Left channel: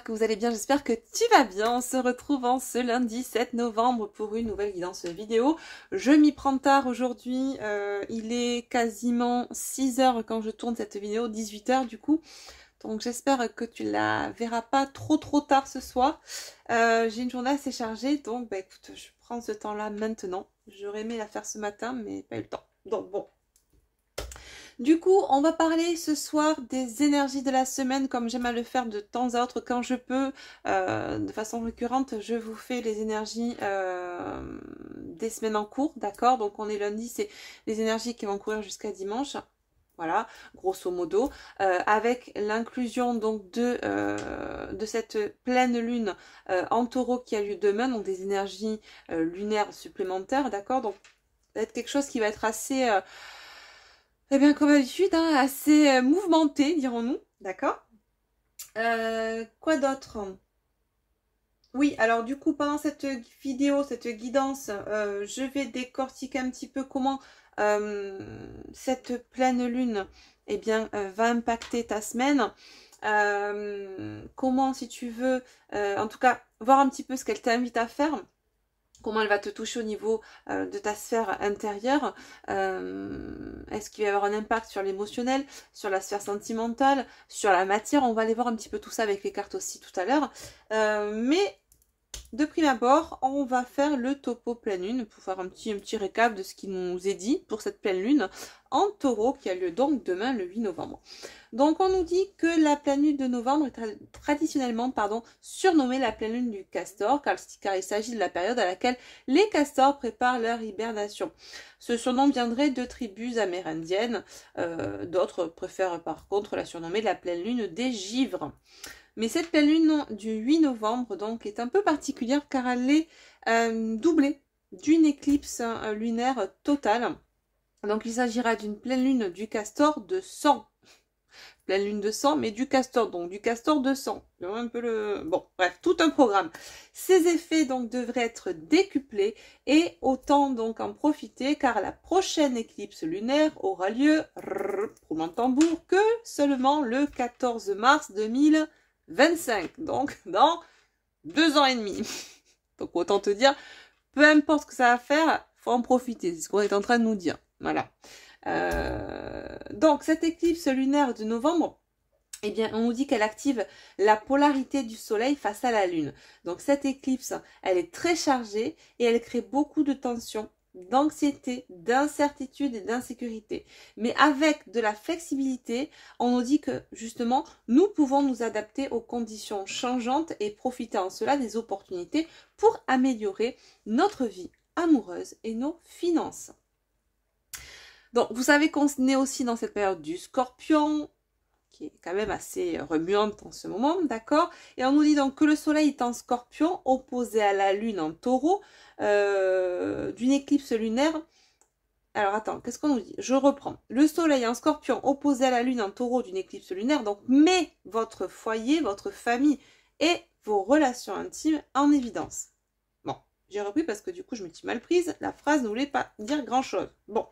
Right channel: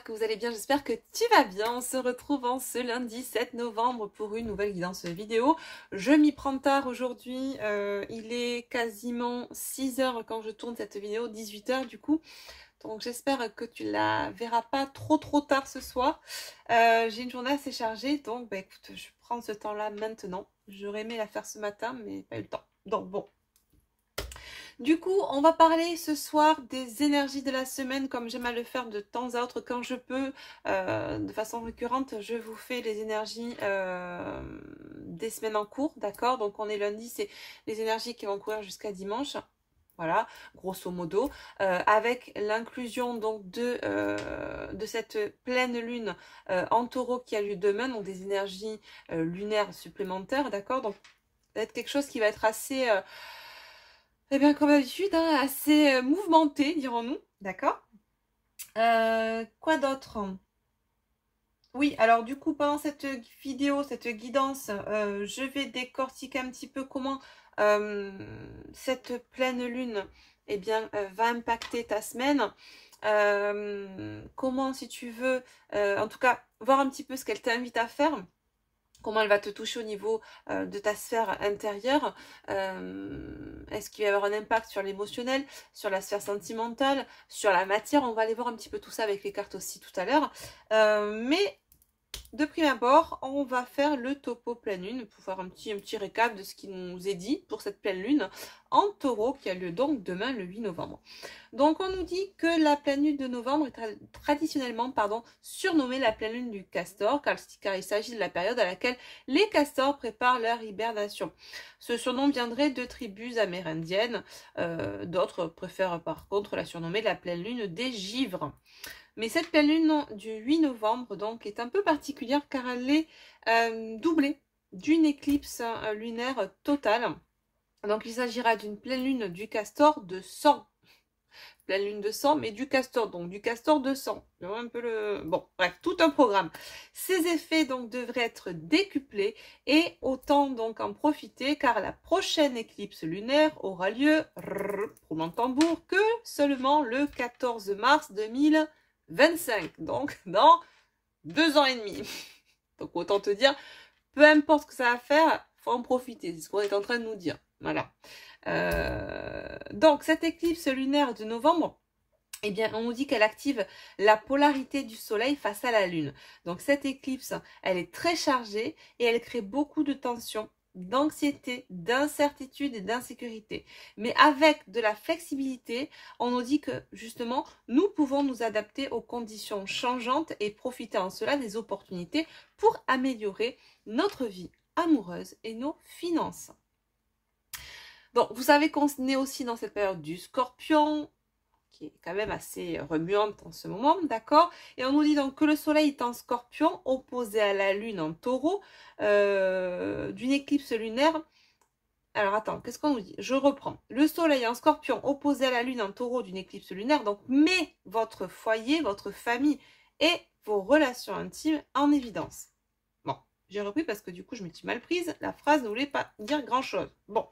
j'espère que vous allez bien, j'espère que tu vas bien. On se retrouve en ce lundi 7 novembre pour une nouvelle guidance vidéo. Je m'y prends tard aujourd'hui, il est quasiment 6 heures quand je tourne cette vidéo, 18 heures du coup. Donc j'espère que tu la verras pas trop tard ce soir. J'ai une journée assez chargée, donc bah, écoute, je prends ce temps-là maintenant. J'aurais aimé la faire ce matin, mais pas eu le temps. Donc bon. Du coup, on va parler ce soir des énergies de la semaine, comme j'aime à le faire de temps à autre quand je peux. De façon récurrente, je vous fais les énergies des semaines en cours, d'accord? Donc on est lundi, c'est les énergies qui vont courir jusqu'à dimanche. Voilà, grosso modo, avec l'inclusion donc de cette pleine lune en taureau qui a lieu demain, donc des énergies lunaires supplémentaires, d'accord? Donc, ça va être quelque chose qui va être assez... eh bien, comme d'habitude, hein, assez mouvementé, dirons-nous. D'accord. Quoi d'autre? Oui, alors du coup, pendant cette vidéo, cette guidance, je vais décortiquer un petit peu comment cette pleine lune eh bien, va impacter ta semaine. Comment, si tu veux, en tout cas, voir un petit peu ce qu'elle t'invite à faire. Comment elle va te toucher au niveau de ta sphère intérieure. Est-ce qu'il va y avoir un impact sur l'émotionnel, sur la sphère sentimentale, sur la matière? On va aller voir un petit peu tout ça avec les cartes aussi tout à l'heure. Mais de prime abord, on va faire le topo pleine lune pour faire un petit récap de ce qui nous est dit pour cette pleine lune en taureau qui a lieu donc demain le 8 novembre. Donc on nous dit que la pleine lune de novembre est traditionnellement surnommée la pleine lune du castor car il s'agit de la période à laquelle les castors préparent leur hibernation. Ce surnom viendrait de tribus amérindiennes, d'autres préfèrent par contre la surnommer la pleine lune des givres. Mais cette pleine lune du 8 novembre donc est un peu particulière car elle est doublée d'une éclipse lunaire totale. Donc il s'agira d'une pleine lune du castor de sang. Pleine lune de sang, mais du castor, donc du castor de sang. Un peu le... Bon, bref, tout un programme. Ces effets donc devraient être décuplés et autant donc en profiter car la prochaine éclipse lunaire aura lieu, roulement de tambour, que seulement le 14 mars 2025. Donc dans 2 ans et demi. Donc autant te dire, peu importe ce que ça va faire, faut en profiter. C'est ce qu'on est en train de nous dire. Voilà. Donc cette éclipse lunaire de novembre, eh bien, on nous dit qu'elle active la polarité du soleil face à la lune. Donc cette éclipse, elle est très chargée et elle crée beaucoup de tensions, d'anxiété, d'incertitude et d'insécurité. Mais avec de la flexibilité, on nous dit que justement, nous pouvons nous adapter aux conditions changeantes et profiter en cela des opportunités pour améliorer notre vie amoureuse et nos finances. Donc, vous savez qu'on est aussi dans cette période du Scorpion, qui est quand même assez remuante en ce moment, d'accord? Et on nous dit donc que le soleil est en Scorpion, opposé à la lune en taureau, d'une éclipse lunaire. Alors, attends, qu'est-ce qu'on nous dit? Je reprends. Le soleil en Scorpion, opposé à la lune en taureau d'une éclipse lunaire, donc met votre foyer, votre famille et vos relations intimes en évidence. Bon, j'ai repris parce que du coup, je me suis mal prise. La phrase ne voulait pas dire grand-chose. Bon.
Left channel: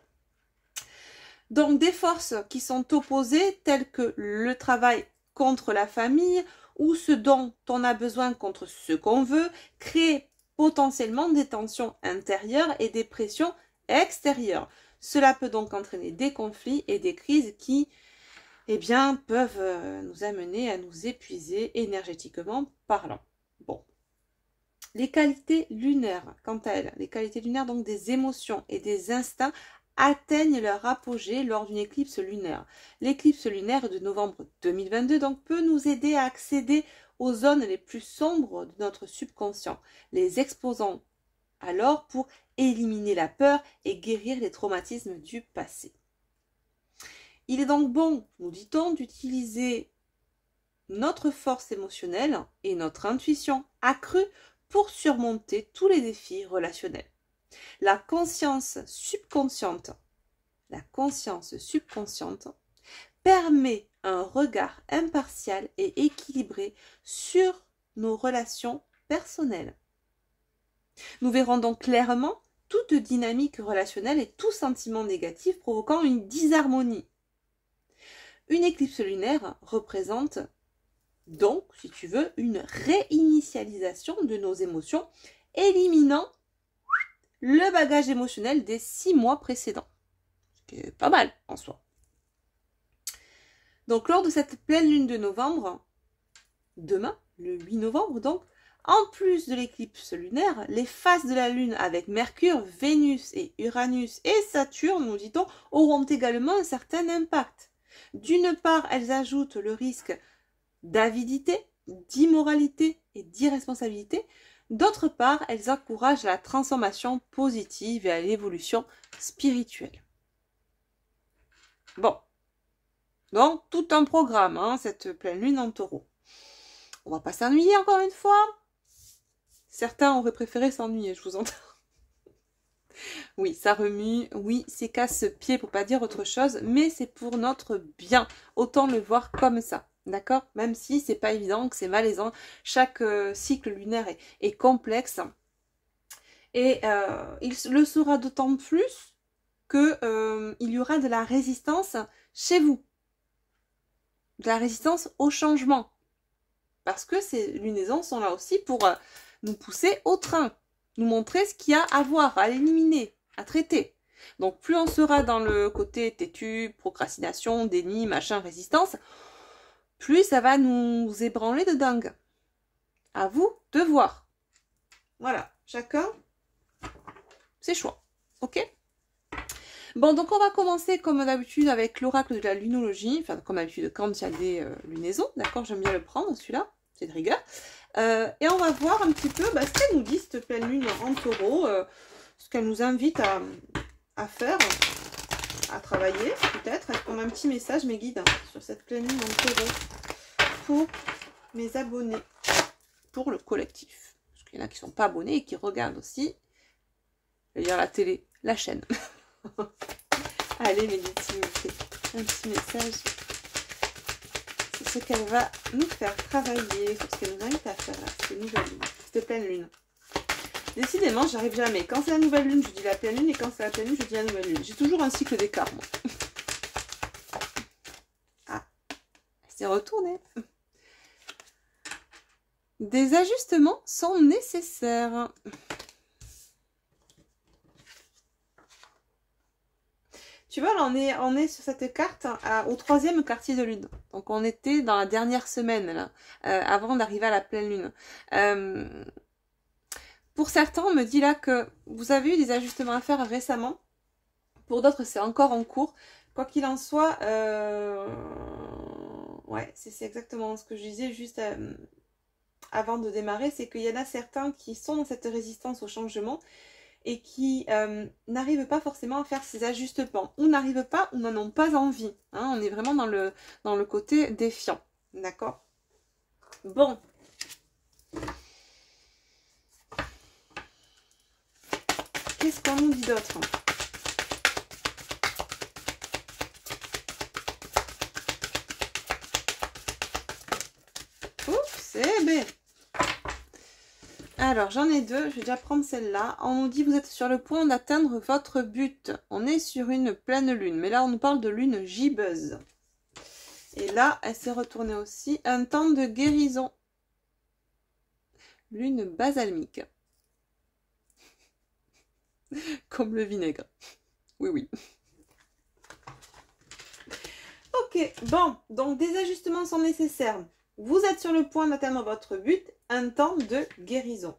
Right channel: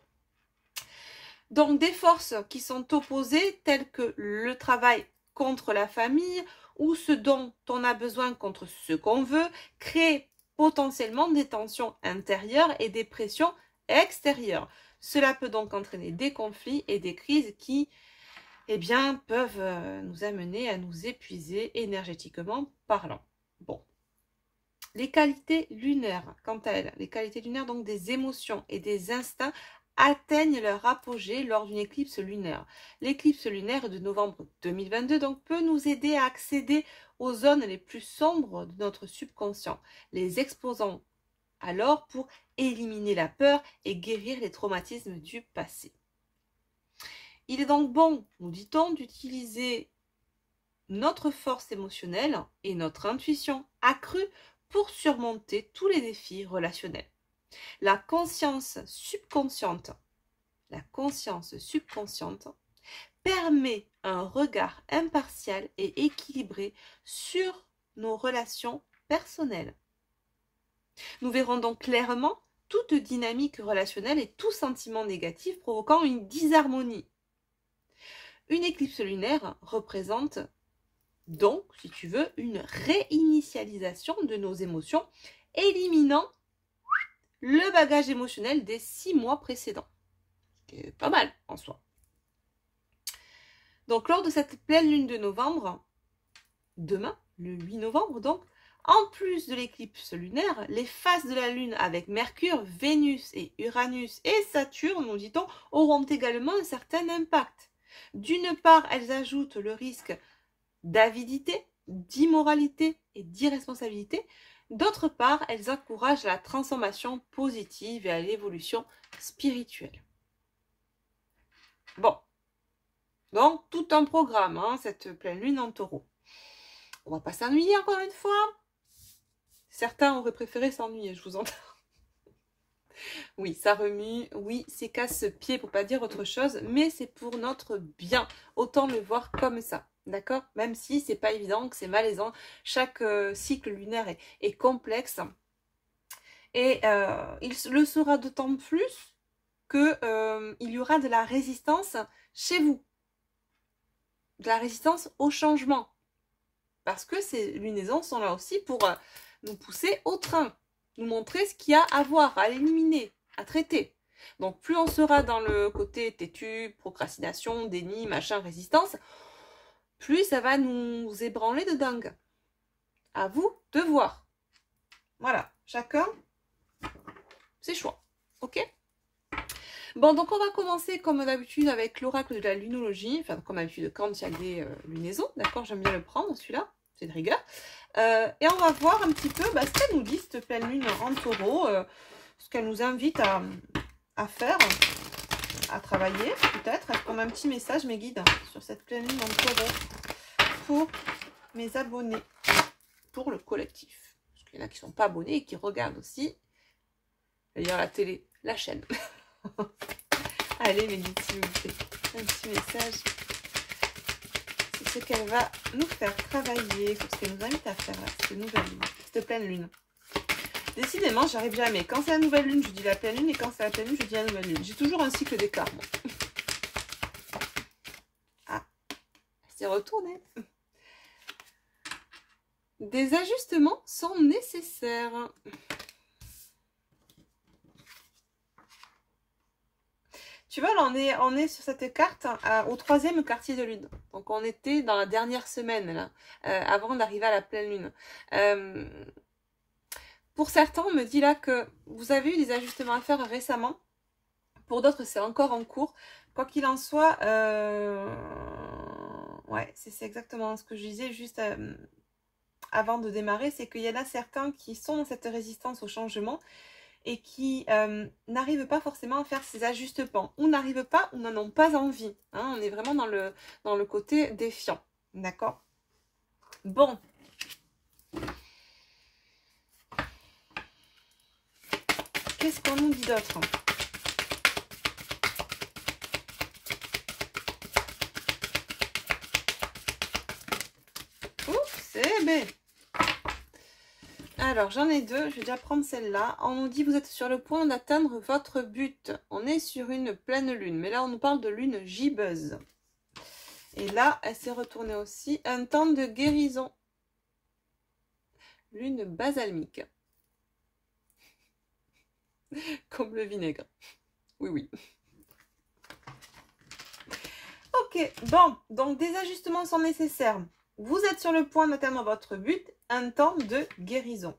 Donc des forces qui sont opposées telles que le travail contre la famille ou ce dont on a besoin contre ce qu'on veut créent potentiellement des tensions intérieures et des pressions extérieures. Cela peut donc entraîner des conflits et des crises qui eh bien, peuvent nous amener à nous épuiser énergétiquement parlant. Bon. Les qualités lunaires, quant à elles, les qualités lunaires donc des émotions et des instincts atteignent leur apogée lors d'une éclipse lunaire. L'éclipse lunaire de novembre 2022 donc, peut nous aider à accéder aux zones les plus sombres de notre subconscient, les exposant alors pour éliminer la peur et guérir les traumatismes du passé. Il est donc bon, nous dit-on, d'utiliser notre force émotionnelle et notre intuition accrue pour surmonter tous les défis relationnels. La conscience subconsciente permet un regard impartial et équilibré sur nos relations personnelles. Nous verrons donc clairement toute dynamique relationnelle et tout sentiment négatif provoquant une disharmonie. Une éclipse lunaire représente Donc, si tu veux, une réinitialisation de nos émotions, éliminant le bagage émotionnel des 6 mois précédents. Ce qui est pas mal en soi. Donc, lors de cette pleine lune de novembre, demain, le 8 novembre donc, en plus de l'éclipse lunaire, les phases de la Lune avec Mercure, Vénus et Uranus et Saturne, nous dit-on, auront également un certain impact. D'une part, elles ajoutent le risque d'avidité, d'immoralité et d'irresponsabilité. D'autre part, elles encouragent la transformation positive et à l'évolution spirituelle. Bon, donc tout un programme, hein, cette pleine lune en taureau. On va pas s'ennuyer encore une fois. Certains auraient préféré s'ennuyer, je vous entends. Oui, ça remue, oui, c'est casse-pied pour pas dire autre chose, mais c'est pour notre bien. Autant le voir comme ça, d'accord? Même si c'est pas évident, que c'est malaisant. Chaque cycle lunaire est complexe. Et il le sera d'autant plus que il y aura de la résistance chez vous. De la résistance au changement. Parce que ces lunaisons sont là aussi pour nous pousser au train, nous montrer ce qu'il y a à voir, à éliminer, à traiter. Donc plus on sera dans le côté têtu, procrastination, déni, machin, résistance, plus ça va nous ébranler de dingue. À vous de voir. Voilà, chacun ses choix. Ok? Bon, donc on va commencer comme d'habitude avec l'oracle de la lunologie, enfin comme d'habitude quand il y a des lunaisons, d'accord? J'aime bien le prendre celui-là, c'est de rigueur. Et on va voir un petit peu ce qu'elle nous dit, cette pleine lune en taureau, ce qu'elle nous invite à faire, à travailler peut-être. Est-ce qu'on a un petit message, mes guides, sur cette pleine lune en taureau pour mes abonnés, pour le collectif? Parce qu'il y en a qui ne sont pas abonnés et qui regardent aussi, c'est-à-dire la télé, la chaîne. Allez, mes guides, s'il vous plaît, un petit message. C'est ce qu'elle va nous faire travailler, ce qu'elle nous invite à faire, là, cette nouvelle lune, cette pleine lune. Décidément, j'arrive jamais. Quand c'est la nouvelle lune, je dis la pleine lune, et quand c'est la pleine lune, je dis la nouvelle lune. J'ai toujours un cycle d'écart, moi. Ah, c'est retourné. Des ajustements sont nécessaires. Tu vois, là, on est sur cette carte au 3e quartier de lune. Donc, on était dans la dernière semaine, là, avant d'arriver à la pleine lune. Pour certains, on me dit là que vous avez eu des ajustements à faire récemment. Pour d'autres, c'est encore en cours. Quoi qu'il en soit, ouais, c'est exactement ce que je disais juste avant de démarrer. C'est qu'il y en a certains qui sont dans cette résistance au changement et qui n'arrivent pas forcément à faire ces ajustements, ou n'arrivent pas, ou n'en ont pas envie. Hein, on est vraiment dans le côté défiant. D'accord? Bon. Qu'est-ce qu'on nous dit d'autre? Oups, c'est bien. Alors, j'en ai deux. Je vais déjà prendre celle-là. On nous dit, vous êtes sur le point d'atteindre votre but. On est sur une pleine lune. Mais là, on nous parle de lune gibbeuse. Et là, elle s'est retournée aussi. Un temps de guérison. Lune basalmique. Comme le vinaigre. Oui, oui. Ok, bon. Donc, des ajustements sont nécessaires. Vous êtes sur le point d'atteindre votre but. Un temps de guérison.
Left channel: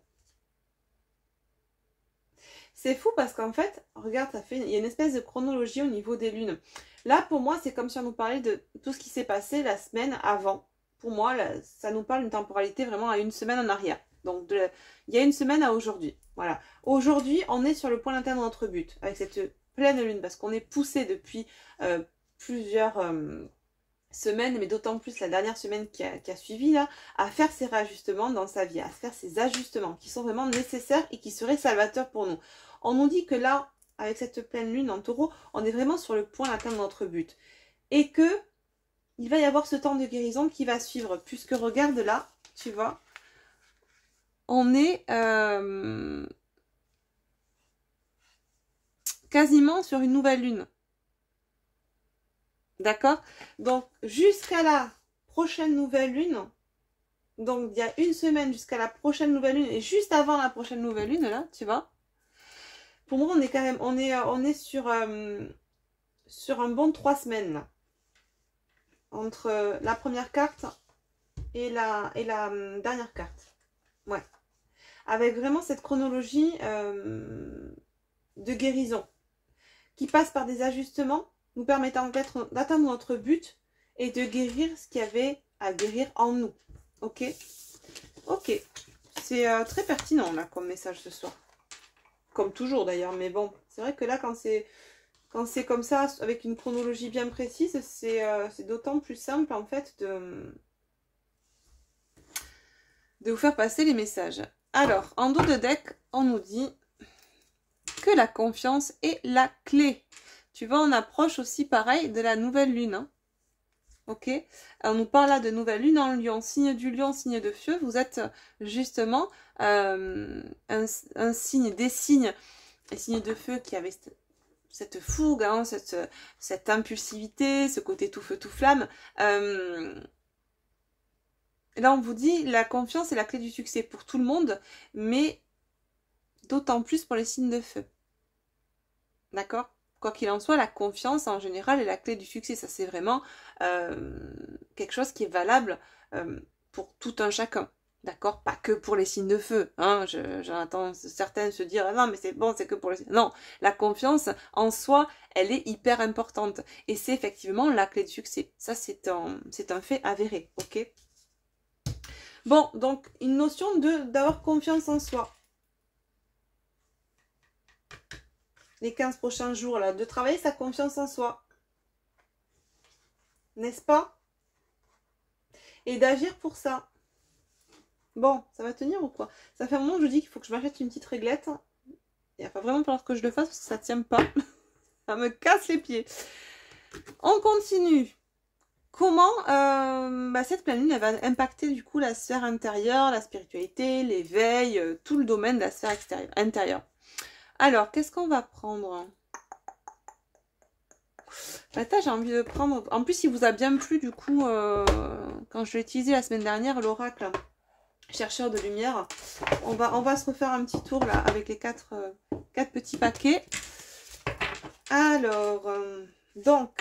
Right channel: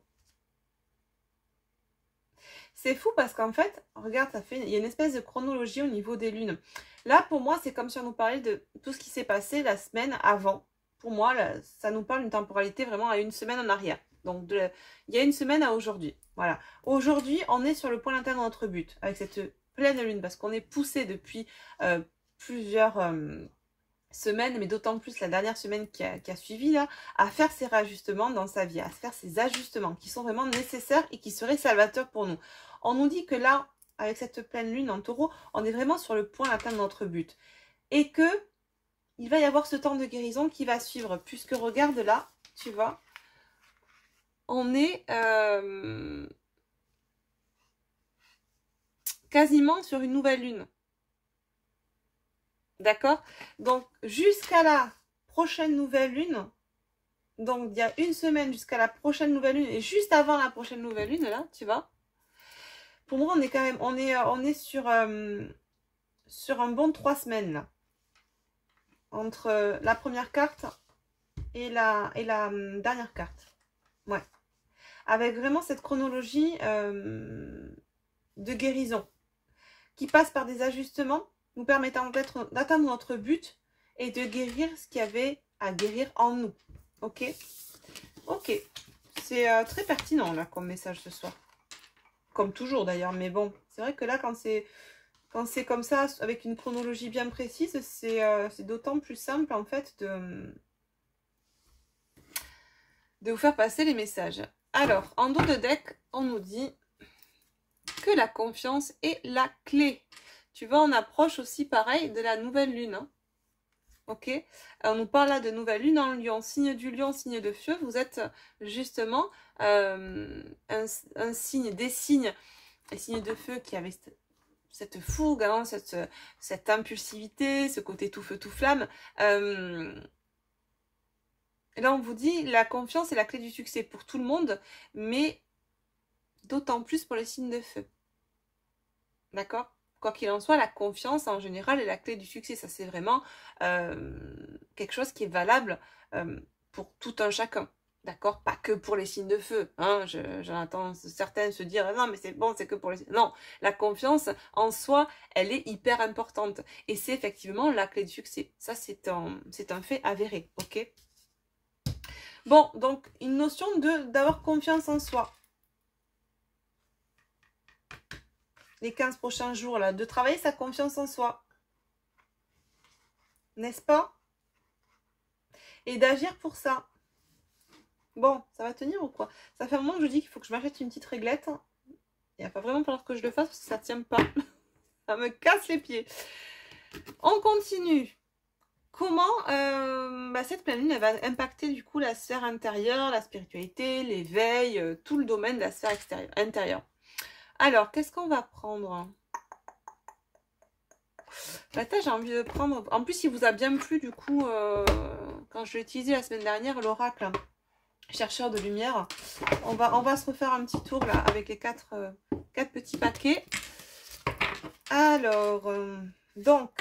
C'est fou parce qu'en fait, regarde, il y a une espèce de chronologie au niveau des lunes. Là, pour moi, c'est comme si on nous parlait de tout ce qui s'est passé la semaine avant. Pour moi, là, ça nous parle d'une temporalité vraiment à une semaine en arrière. Donc, il y a une semaine à aujourd'hui. Voilà. Aujourd'hui, on est sur le point d'atteindre notre but avec cette pleine lune parce qu'on est poussé depuis plusieurs semaine, mais d'autant plus la dernière semaine qui a suivi là, à faire ces réajustements dans sa vie, à faire ces ajustements qui sont vraiment nécessaires et qui seraient salvateurs pour nous. On nous dit que là, avec cette pleine lune en taureau, on est vraiment sur le point d'atteindre notre but. Et que il va y avoir ce temps de guérison qui va suivre, puisque regarde là, tu vois, on est quasiment sur une nouvelle lune. D'accord? Donc, jusqu'à la prochaine nouvelle lune, Donc, il y a une semaine jusqu'à la prochaine nouvelle lune. Et juste avant la prochaine nouvelle lune, là, tu vois. Pour moi, on est quand même... On est sur un bon 3 semaines, là. Entre la première carte et la dernière carte. Ouais. Avec vraiment cette chronologie de guérison qui passe par des ajustements nous permettant d'atteindre notre but et de guérir ce qu'il y avait à guérir en nous. Ok. Ok. C'est très pertinent là comme message ce soir. Comme toujours d'ailleurs, mais bon, c'est vrai que là quand c'est comme ça, avec une chronologie bien précise, c'est d'autant plus simple en fait de vous faire passer les messages. Alors, en dos de deck, on nous dit que la confiance est la clé. Tu vois, on approche aussi pareil de la nouvelle lune. Hein. Ok. On nous parle là de nouvelle lune en lion, signe du lion, signe de feu. Vous êtes justement un signe, des signes, les signes de feu qui avaient cette fougue, hein, cette impulsivité, ce côté tout feu, tout flamme. Là, on vous dit, la confiance est la clé du succès pour tout le monde, mais d'autant plus pour les signes de feu. D'accord? Quoi qu'il en soit, la confiance, en général, est la clé du succès. Ça, c'est vraiment quelque chose qui est valable pour tout un chacun. D'accord? Pas que pour les signes de feu. Hein? J'entends certaines se dire, ah non, mais c'est bon, c'est que pour les signes. Non, la confiance, en soi, elle est hyper importante. Et c'est effectivement la clé du succès. Ça, c'est un fait avéré. Ok? Bon, donc, une notion d'avoir confiance en soi. Les 15 prochains jours, là, de travailler sa confiance en soi. N'est-ce pas? Et d'agir pour ça. Bon, ça va tenir ou quoi? Ça fait un moment que je dis qu'il faut que je m'achète une petite réglette. Il va pas vraiment falloir que je le fasse parce que ça tient pas. Ça me casse les pieds. On continue. Comment cette pleine lune elle va impacter du coup la sphère intérieure, la spiritualité, l'éveil, tout le domaine de la sphère intérieure. Alors, qu'est-ce qu'on va prendre? J'ai envie de prendre... En plus, il vous a bien plu du coup quand je l'ai utilisé la semaine dernière, l'oracle chercheur de lumière. On va se refaire un petit tour là avec les quatre petits paquets. Alors, donc...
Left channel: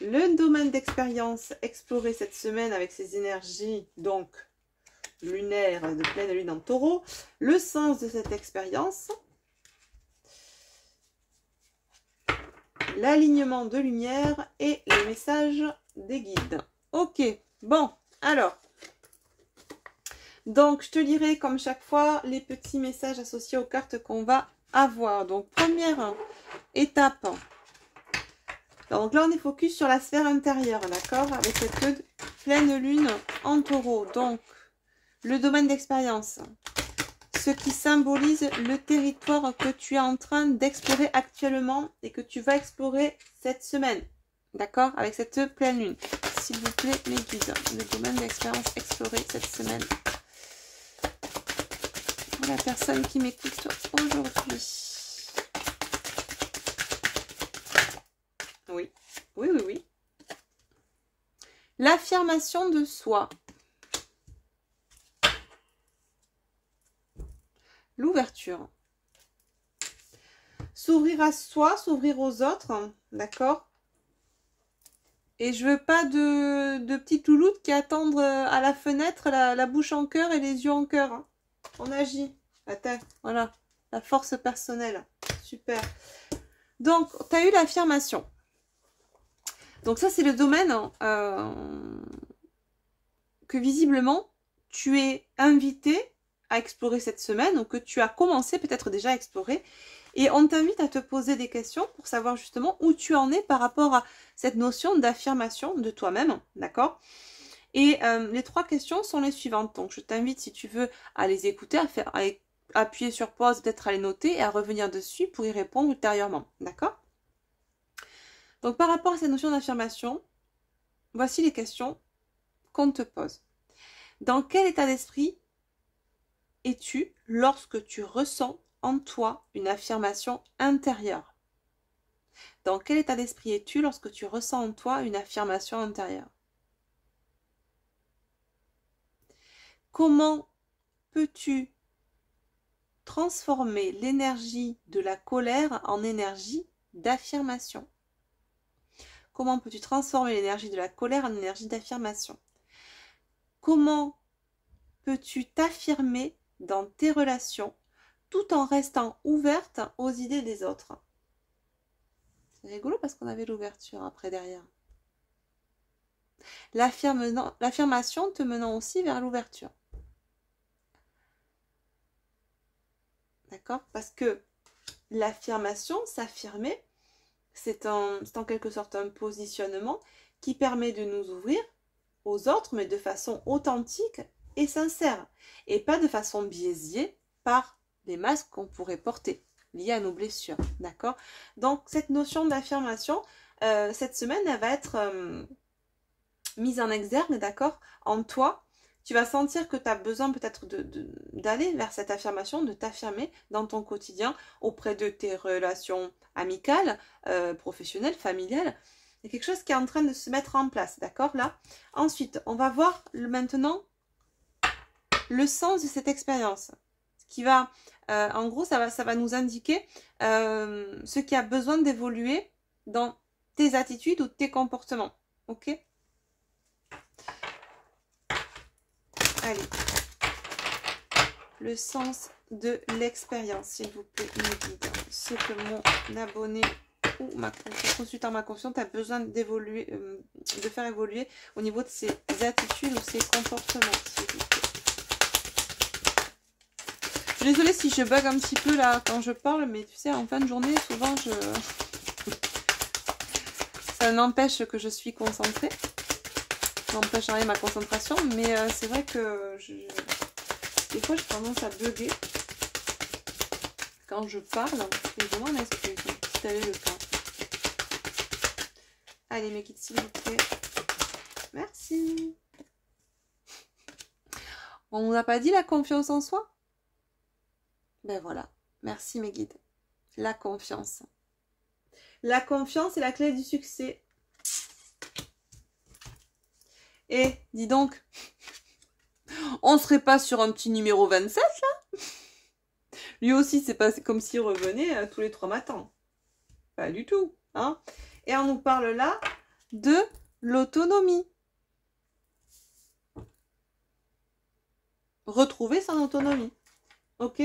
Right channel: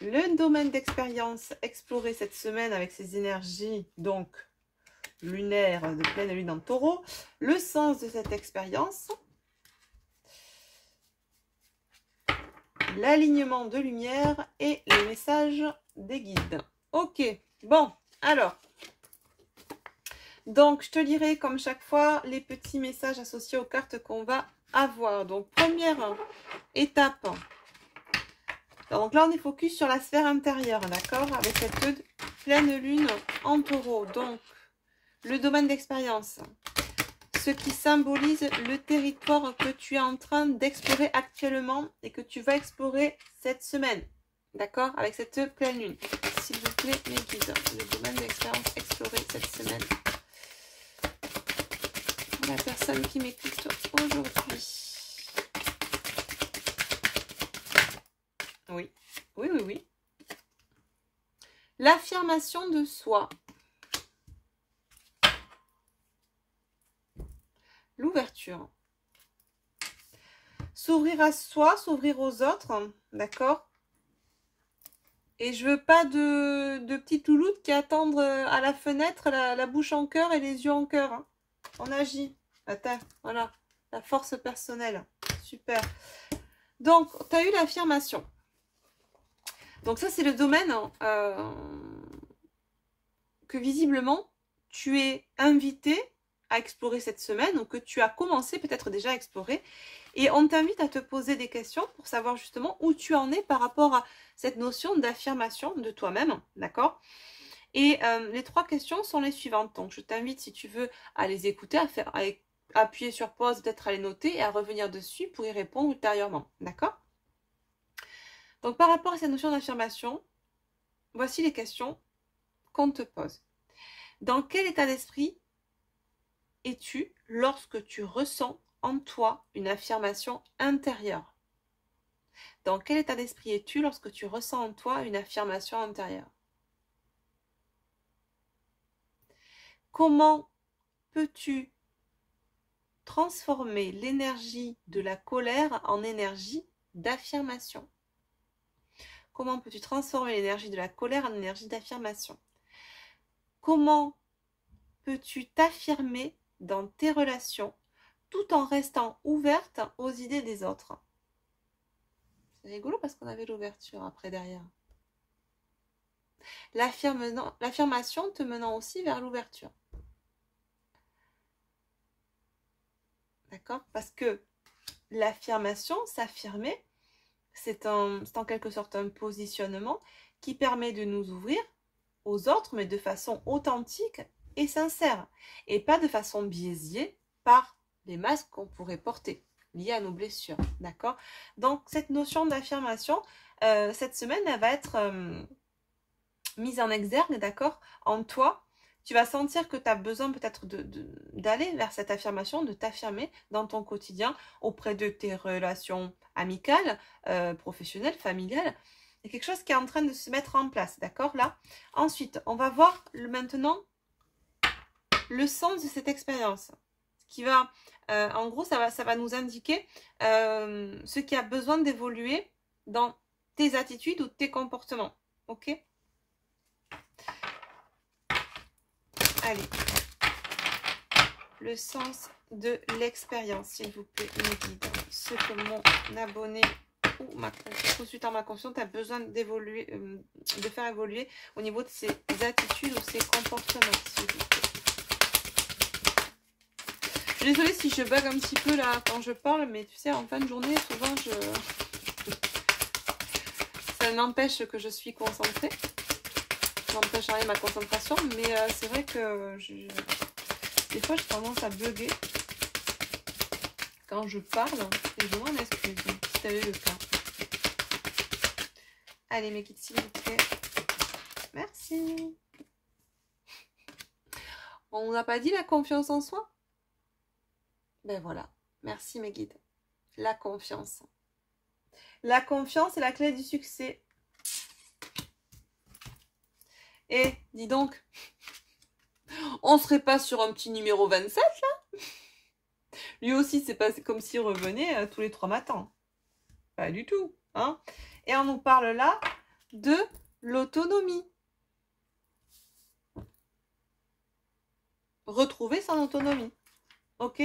Le domaine d'expérience exploré cette semaine avec ses énergies, donc lunaires de pleine lune en taureau. Le sens de cette expérience. L'alignement de lumière et les messages des guides. Ok, bon, alors. Donc, je te lirai comme chaque fois les petits messages associés aux cartes qu'on va avoir. Donc, première étape. Donc là, on est focus sur la sphère intérieure, d'accord? Avec cette pleine lune en taureau. Donc, le domaine d'expérience. Ce qui symbolise le territoire que tu es en train d'explorer actuellement et que tu vas explorer cette semaine. D'accord? Avec cette pleine lune. S'il vous plaît, mes guides. Le domaine d'expérience exploré cette semaine. La personne qui m'écoute aujourd'hui. Oui. Oui, oui, oui. L'affirmation de soi. L'ouverture. S'ouvrir à soi, s'ouvrir aux autres, d'accord? Et je veux pas de petites louloutes qui attendent à la fenêtre la bouche en cœur et les yeux en cœur. Hein. On agit. Attends, voilà. La force personnelle. Super. Donc, tu as eu l'affirmation. Donc ça, c'est le domaine que visiblement, tu es invité à explorer cette semaine, ou que tu as commencé peut-être déjà à explorer. Et on t'invite à te poser des questions pour savoir justement où tu en es par rapport à cette notion d'affirmation de toi-même, d'accord? Et les 3 questions sont les suivantes. Donc je t'invite, si tu veux, à les écouter, à appuyer sur pause, peut-être à les noter et à revenir dessus pour y répondre ultérieurement, d'accord? Donc par rapport à cette notion d'affirmation, voici les questions qu'on te pose. Dans quel état d'esprit es-tu lorsque tu ressens en toi une affirmation intérieure? Dans quel état d'esprit es-tu lorsque tu ressens en toi une affirmation intérieure? Comment peux-tu transformer l'énergie de la colère en énergie d'affirmation? Comment peux-tu transformer l'énergie de la colère en énergie d'affirmation? Comment peux-tu t'affirmer dans tes relations tout en restant ouverte aux idées des autres? C'est rigolo parce qu'on avait l'ouverture après derrière. L'affirmation te menant aussi vers l'ouverture. D'accord? Parce que l'affirmation, s'affirmer, c'est en quelque sorte un positionnement qui permet de nous ouvrir aux autres, mais de façon authentique et sincère. Et pas de façon biaisée par les masques qu'on pourrait porter, liés à nos blessures. D'accord? Donc, cette notion d'affirmation, cette semaine, elle va être mise en exergue, d'accord, en toi. Tu vas sentir que tu as besoin peut-être d'aller vers cette affirmation, de t'affirmer dans ton quotidien auprès de tes relations amicales, professionnelles, familiales. Il y a quelque chose qui est en train de se mettre en place, d'accord, là. Ensuite, on va voir maintenant le sens de cette expérience. Qui va, en gros, ça va nous indiquer ce qui a besoin d'évoluer dans tes attitudes ou tes comportements. Ok? Allez. Le sens de l'expérience, s'il vous plaît, me guide. Ce que mon abonné ou ma consultant ma conscience a besoin d'évoluer, de faire évoluer au niveau de ses attitudes ou ses comportements, s'il vous plaît. Je suis désolée si je bug un petit peu là quand je parle, mais tu sais, en fin de journée, souvent, ça n'empêche que je suis concentrée. Ça n'empêche rien ma concentration, mais c'est vrai que des fois, j'ai tendance à bugger quand je parle. Et je m'en excuse, si tu avais le temps. Allez, mes guides, s'il vous plaît. Merci. On nous a pas dit la confiance en soi? Ben voilà. Merci, mes guides. La confiance. La confiance est la clé du succès. Et, dis donc, on serait pas sur un petit numéro 27, là? Lui aussi, c'est pas comme s'il revenait tous les 3 matins. Pas du tout, hein? Et on nous parle là de l'autonomie. Retrouver son autonomie. Ok?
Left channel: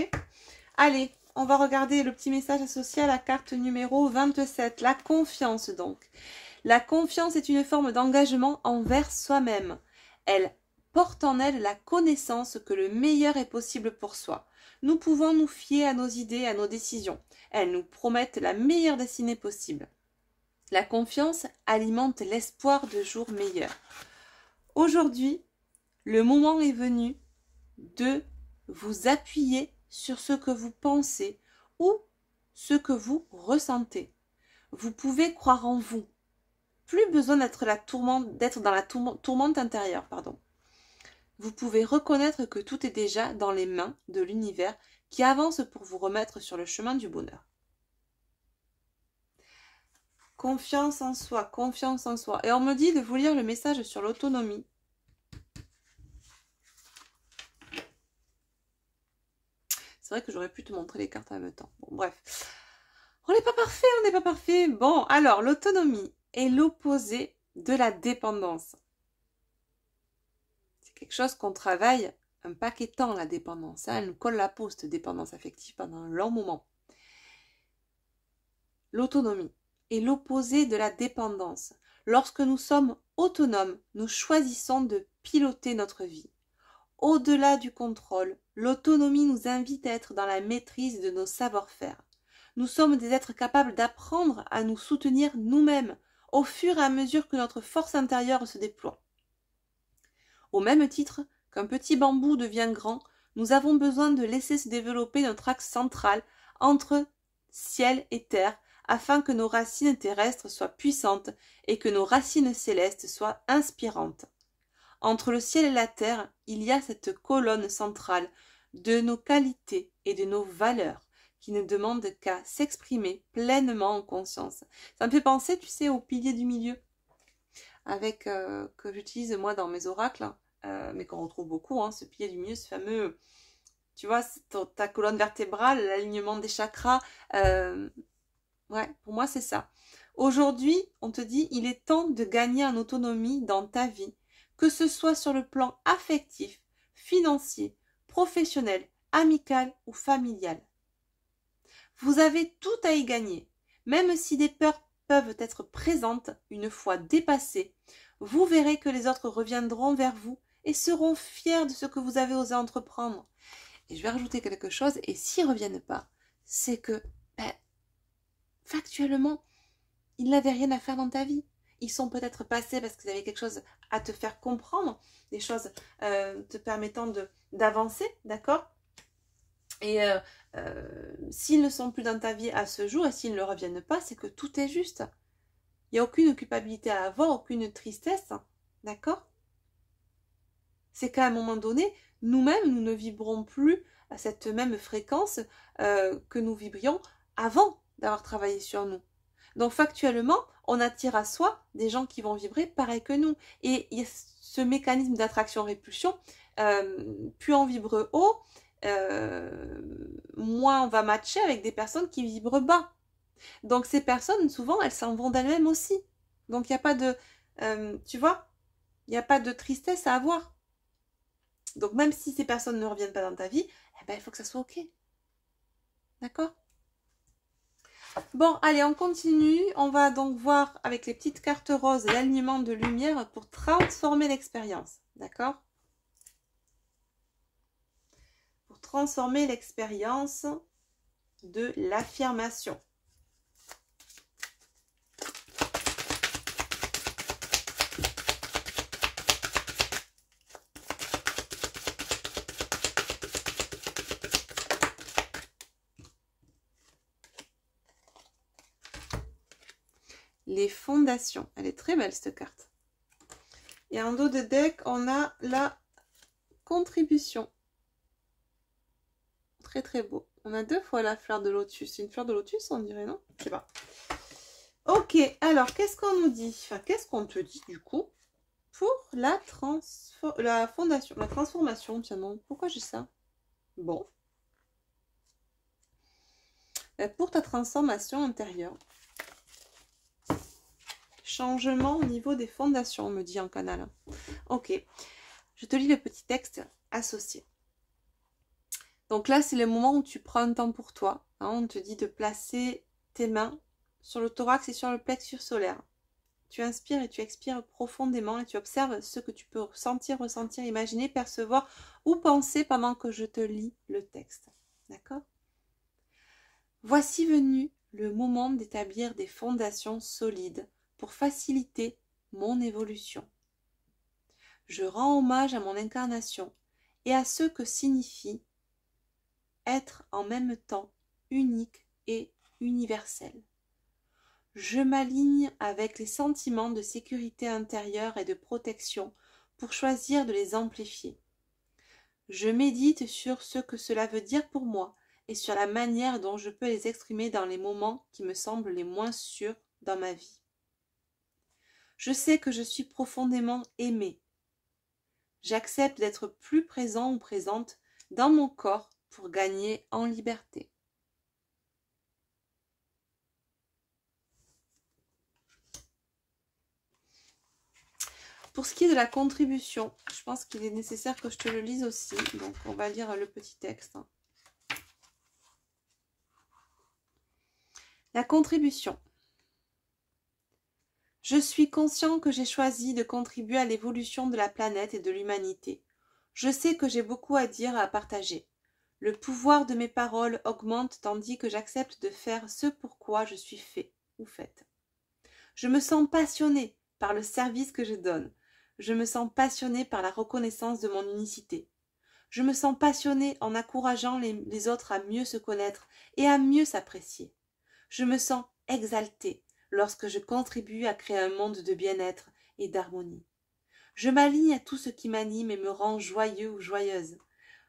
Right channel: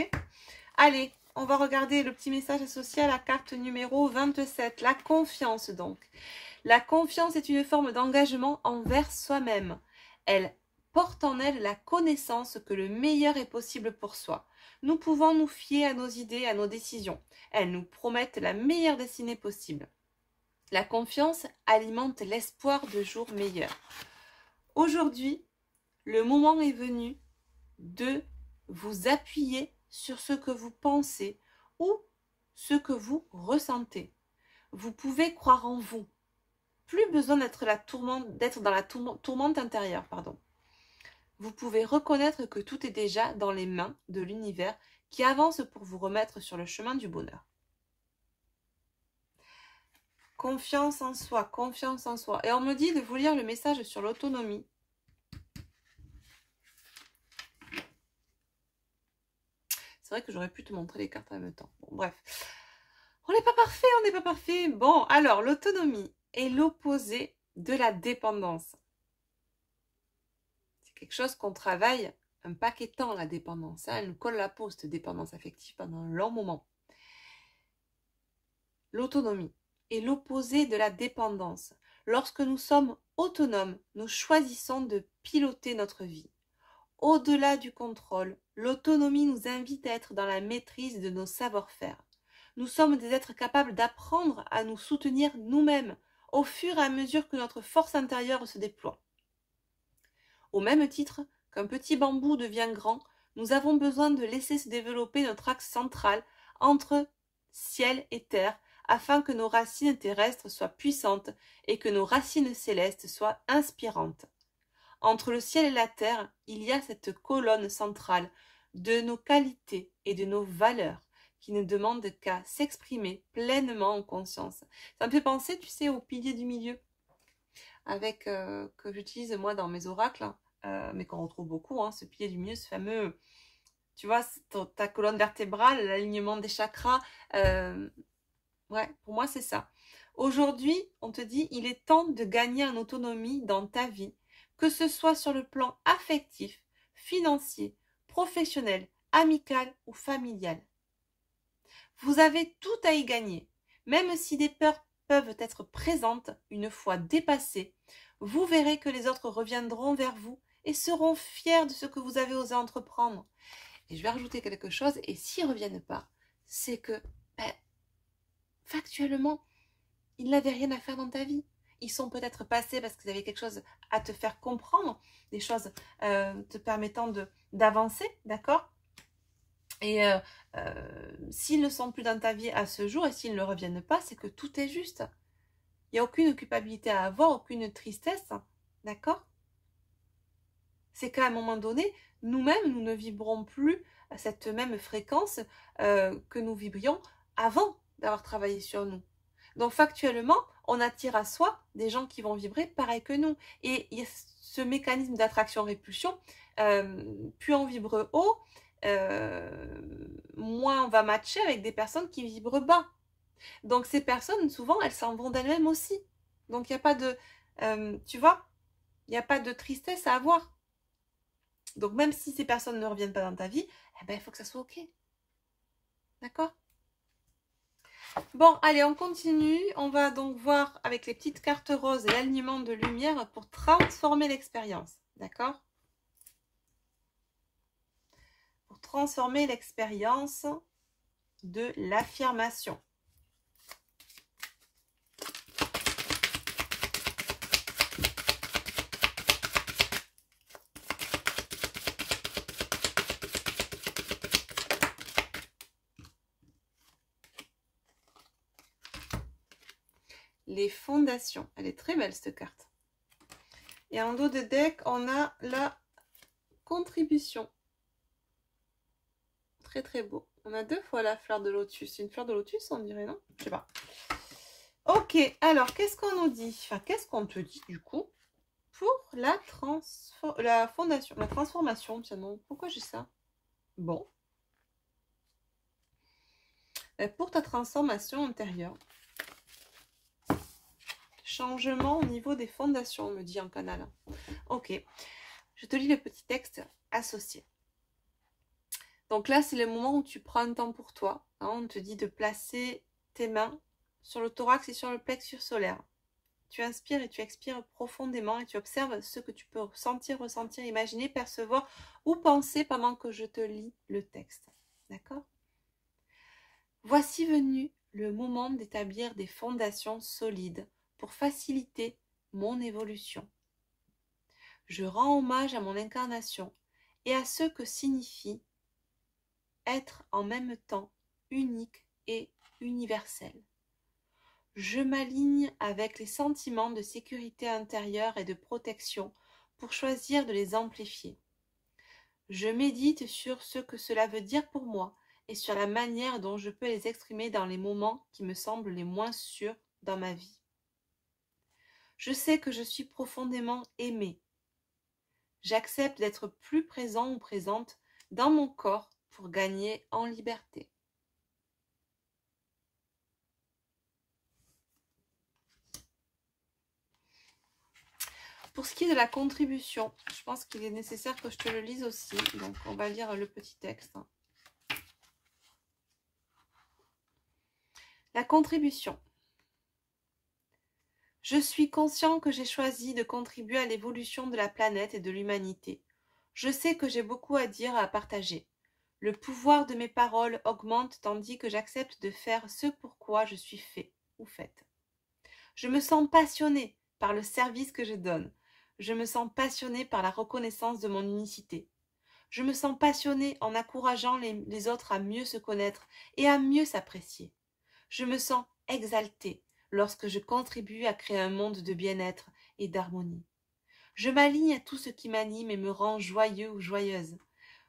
Allez, on va regarder le petit message associé à la carte numéro 27. La confiance, donc. La confiance est une forme d'engagement envers soi-même. Elle porte en elle la connaissance que le meilleur est possible pour soi. Nous pouvons nous fier à nos idées, à nos décisions. Elles nous promettent la meilleure destinée possible. La confiance alimente l'espoir de jours meilleurs. Aujourd'hui, le moment est venu de vous appuyer sur ce que vous pensez ou ce que vous ressentez. Vous pouvez croire en vous. Plus besoin d'être dans la tourmente intérieure, pardon. Vous pouvez reconnaître que tout est déjà dans les mains de l'univers qui avance pour vous remettre sur le chemin du bonheur. Confiance en soi, confiance en soi. Et on me dit de vous lire le message sur l'autonomie. C'est vrai que j'aurais pu te montrer les cartes en même temps. Bon, bref. On n'est pas parfait, on n'est pas parfait. Bon, alors, l'autonomie est l'opposé de la dépendance. C'est quelque chose qu'on travaille un paquet de temps, la dépendance. Elle nous colle la peau, cette dépendance affective, pendant un long moment. L'autonomie est l'opposé de la dépendance. Lorsque nous sommes autonomes, nous choisissons de piloter notre vie. Au-delà du contrôle, l'autonomie nous invite à être dans la maîtrise de nos savoir-faire. Nous sommes des êtres capables d'apprendre à nous soutenir nous-mêmes au fur et à mesure que notre force intérieure se déploie. Au même titre qu'un petit bambou devient grand, nous avons besoin de laisser se développer notre axe central entre ciel et terre afin que nos racines terrestres soient puissantes et que nos racines célestes soient inspirantes. Entre le ciel et la terre, il y a cette colonne centrale de nos qualités et de nos valeurs qui ne demande qu'à s'exprimer pleinement en conscience. Ça me fait penser, tu sais, au pilier du milieu, avec que j'utilise moi dans mes oracles, mais qu'on retrouve beaucoup, hein, ce pilier du milieu, ce fameux, tu vois, ta colonne vertébrale, l'alignement des chakras. Ouais, pour moi, c'est ça. Aujourd'hui, on te dit, il est temps de gagner en autonomie dans ta vie, que ce soit sur le plan affectif, financier, professionnel, amical ou familial. Vous avez tout à y gagner. Même si des peurs peuvent être présentes une fois dépassées, vous verrez que les autres reviendront vers vous et seront fiers de ce que vous avez osé entreprendre. Et je vais rajouter quelque chose, et s'ils ne reviennent pas, c'est que, factuellement, ils n'avaient rien à faire dans ta vie. Ils sont peut-être passés parce qu'ils avaient quelque chose à te faire comprendre, des choses te permettant d'avancer, d'accord? Et s'ils ne sont plus dans ta vie à ce jour et s'ils ne reviennent pas, c'est que tout est juste. Il n'y a aucune culpabilité à avoir, aucune tristesse, d'accord? C'est qu'à un moment donné, nous-mêmes, nous ne vibrons plus à cette même fréquence que nous vibrions avant d'avoir travaillé sur nous. Donc factuellement, on attire à soi des gens qui vont vibrer pareil que nous. Et il y a ce mécanisme d'attraction-répulsion, plus on vibre haut, moins on va matcher avec des personnes qui vibrent bas. Donc ces personnes, souvent, elles s'en vont d'elles-mêmes aussi. Donc il n'y a pas de, tu vois, il n'y a pas de tristesse à avoir. Donc même si ces personnes ne reviennent pas dans ta vie, eh ben, il faut que ça soit ok. D'accord? Bon, allez, on continue. On va donc voir avec les petites cartes roses l'alignement de lumière pour transformer l'expérience. D'accord? Pour transformer l'expérience de l'affirmation. Les fondations. Elle est très belle cette carte. Et en dos de deck, on a la contribution. Très très beau. On a deux fois la fleur de lotus. C'est une fleur de lotus, on dirait, non? Je sais pas. Ok, alors qu'est-ce qu'on nous dit? Enfin, qu'est-ce qu'on te dit du coup pour la fondation, la transformation? Tiens, non, pourquoi j'ai ça? Bon. Pour ta transformation intérieure. Changement au niveau des fondations, on me dit en canal. Ok, je te lis le petit texte associé. Donc là, c'est le moment où tu prends un temps pour toi. Hein, on te dit de placer tes mains sur le thorax et sur le plexus solaire. Tu inspires et tu expires profondément et tu observes ce que tu peux sentir, ressentir, imaginer, percevoir ou penser pendant que je te lis le texte. D'accord? Voici venu le moment d'établir des fondations solides pour faciliter mon évolution. Je rends hommage à mon incarnation et à ce que signifie être en même temps unique et universel. Je m'aligne avec les sentiments de sécurité intérieure et de protection pour choisir de les amplifier. Je médite sur ce que cela veut dire pour moi et sur la manière dont je peux les exprimer dans les moments qui me semblent les moins sûrs dans ma vie. Je sais que je suis profondément aimée. J'accepte d'être plus présent ou présente dans mon corps pour gagner en liberté. Pour ce qui est de la contribution, je pense qu'il est nécessaire que je te le lise aussi. Donc, on va lire le petit texte. La contribution. Je suis conscient que j'ai choisi de contribuer à l'évolution de la planète et de l'humanité. Je sais que j'ai beaucoup à dire et à partager. Le pouvoir de mes paroles augmente tandis que j'accepte de faire ce pour quoi je suis fait ou faite. Je me sens passionnée par le service que je donne. Je me sens passionnée par la reconnaissance de mon unicité. Je me sens passionnée en encourageant les autres à mieux se connaître et à mieux s'apprécier. Je me sens exaltée lorsque je contribue à créer un monde de bien-être et d'harmonie. Je m'aligne à tout ce qui m'anime et me rend joyeux ou joyeuse.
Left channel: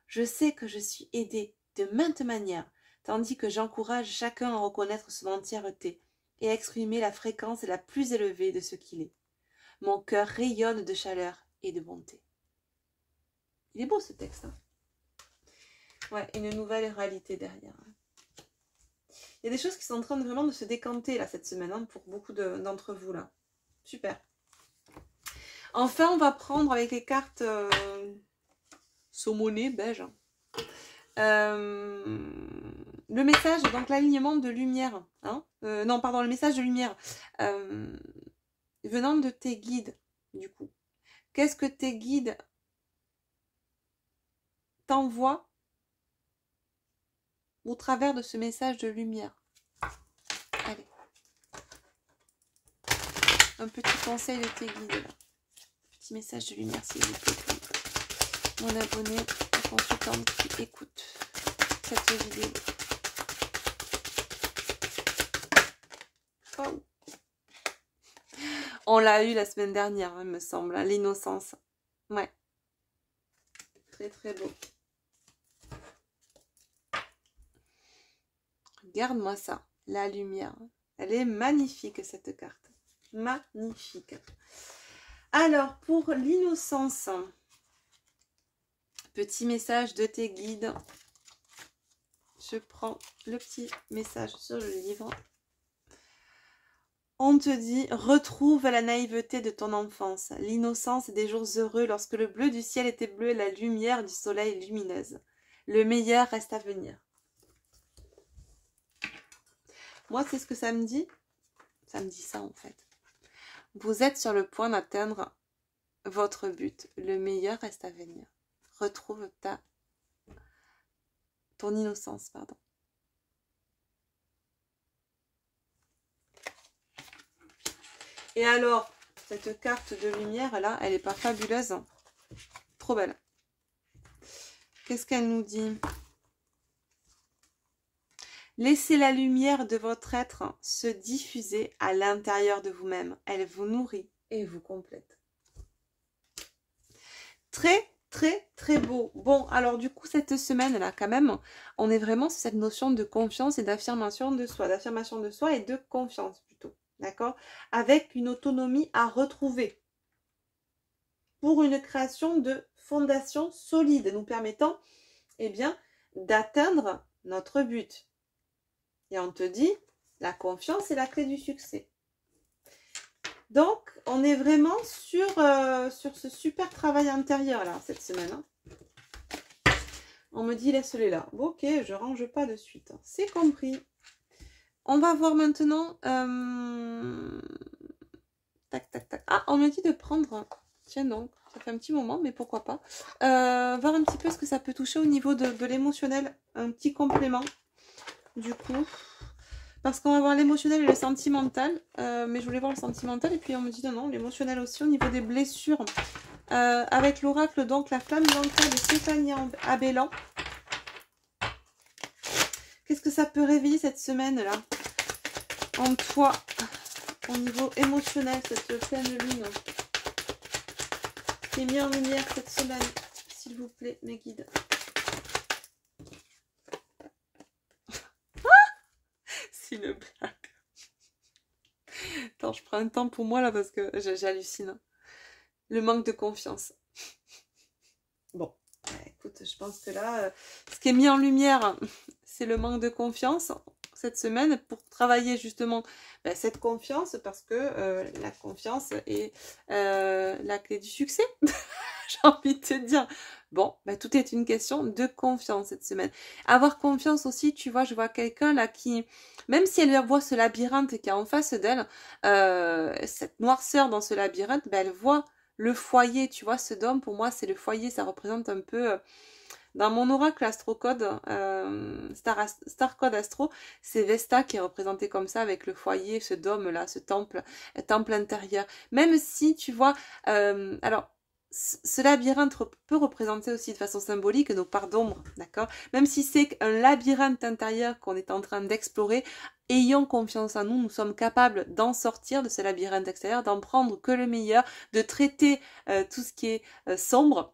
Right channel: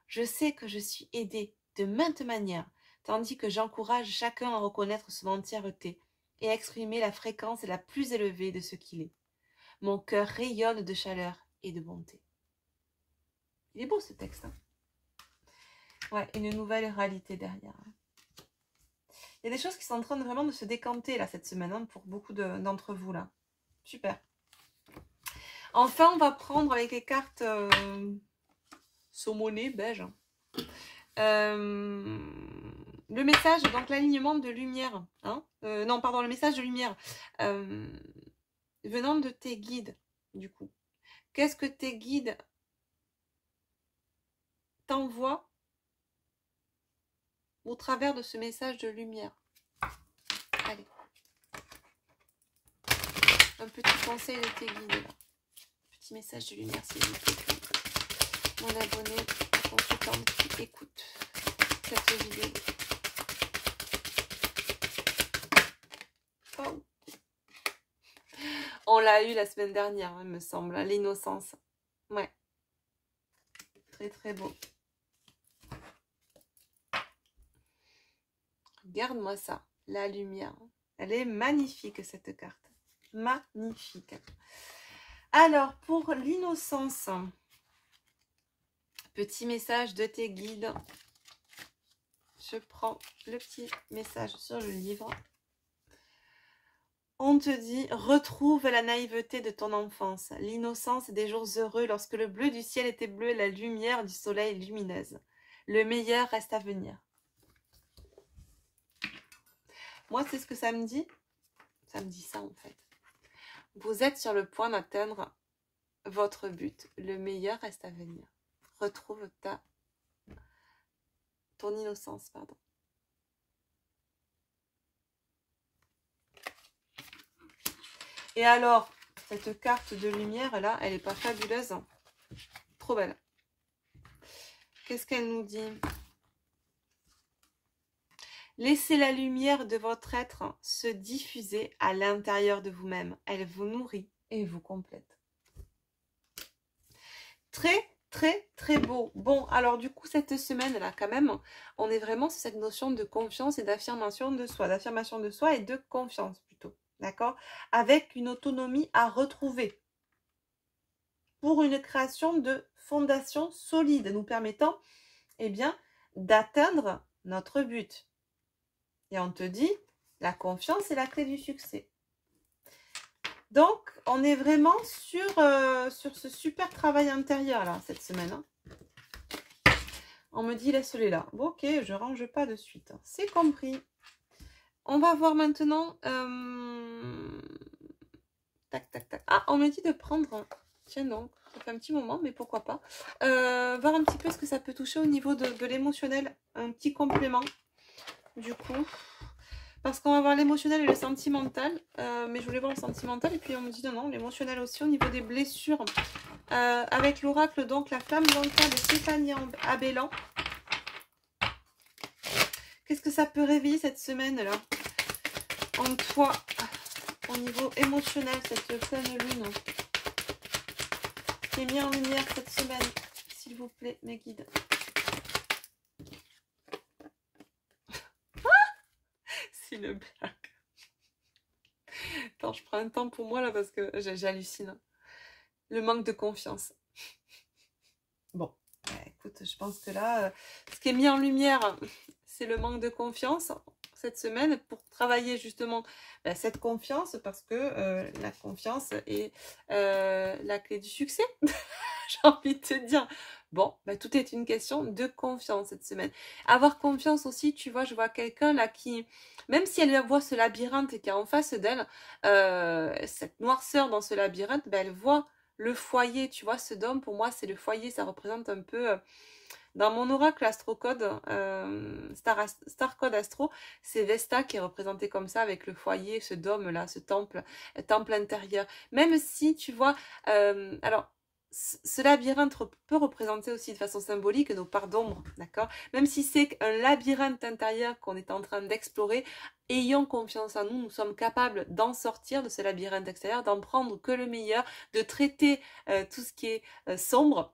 Je sais que je suis aidée de maintes manières, tandis que j'encourage chacun à reconnaître son entièreté et à exprimer la fréquence la plus élevée de ce qu'il est. Mon cœur rayonne de chaleur et de bonté. Il est beau ce texte. Hein. Ouais, une nouvelle réalité derrière. Il y a des choses qui sont en train de vraiment de se décanter là cette semaine hein, pour beaucoup d'entre vous là. Super. Enfin, on va prendre avec les cartes saumonées, beige. Le message, donc l'alignement de lumière. Hein, non, pardon, le message de lumière venant de tes guides, du coup. Qu'est-ce que tes guides t'envoient au travers de ce message de lumière? Allez. Un petit conseil de tes guides, là. Petit message de lumière, s'il vous plaît. Mon abonné, mon consultant qui écoute cette vidéo. Oh. On l'a eu la semaine dernière, il me semble, l'innocence. Ouais. Très très beau. Regarde-moi ça, la lumière. Elle est magnifique cette carte. Magnifique. Alors, pour l'innocence, petit message de tes guides. Je prends le petit message sur le livre. On te dit, retrouve la naïveté de ton enfance, l'innocence des jours heureux lorsque le bleu du ciel était bleu et la lumière du soleil lumineuse. Le meilleur reste à venir. Moi, c'est ce que ça me dit. Ça me dit ça en fait. Vous êtes sur le point d'atteindre votre but. Le meilleur reste à venir. Retrouve ton innocence, pardon. Et alors, cette carte de lumière là, elle est pas fabuleuse. Hein. Trop belle. Qu'est-ce qu'elle nous dit? Laissez la lumière de votre être se diffuser à l'intérieur de vous-même. Elle vous nourrit et vous complète. Très, très, très beau. Bon, alors du coup, cette semaine-là, quand même, on est vraiment sur cette notion de confiance et d'affirmation de soi. D'affirmation de soi et de confiance, plutôt. D'accord? Avec une autonomie à retrouver. Pour une création de fondation solide, nous permettant, eh bien, d'atteindre notre but. Et on te dit, la confiance est la clé du succès. Donc, on est vraiment sur ce super travail intérieur, là, cette semaine. Hein. On me dit, laisse-les là. Bon, ok, je range pas de suite. C'est compris. On va voir maintenant... Tac, tac, tac. Ah, on me dit de prendre... Tiens donc, ça fait un petit moment, mais pourquoi pas. Voir un petit peu ce que ça peut toucher au niveau de l'émotionnel. Un petit complément, du coup... Parce qu'on va voir l'émotionnel et le sentimental. Mais je voulais voir le sentimental. Et puis on me dit non, l'émotionnel aussi au niveau des blessures. Avec l'oracle, donc la flamme dans le cas de Stéphanie Abellan. Qu'est-ce que ça peut réveiller cette semaine-là en toi, au niveau émotionnel, cette pleine lune qui est mise en lumière cette semaine, s'il vous plaît, mes guides. C'est une blague. Attends, je prends un temps pour moi là parce que j'hallucine. Le manque de confiance. Bon, écoute, je pense que là, ce qui est mis en lumière, c'est le manque de confiance cette semaine pour travailler justement cette confiance parce que la confiance est la clé du succès. J'ai envie de te dire. Bon, tout est une question de confiance cette semaine. Avoir confiance aussi, tu vois, je vois quelqu'un là qui, même si elle voit ce labyrinthe qui est en face d'elle, cette noirceur dans ce labyrinthe, elle voit le foyer, tu vois, ce dôme, pour moi, c'est le foyer, ça représente un peu... Dans mon oracle astrocode, Star Code Astro, c'est Vesta qui est représenté comme ça avec le foyer, ce dôme-là, ce temple intérieur. Même si, tu vois, alors, ce labyrinthe peut représenter aussi de façon symbolique nos parts d'ombre, d'accord? Même si c'est un labyrinthe intérieur qu'on est en train d'explorer, ayons confiance en nous, nous sommes capables d'en sortir de ce labyrinthe extérieur, d'en prendre que le meilleur, de traiter tout ce qui est sombre.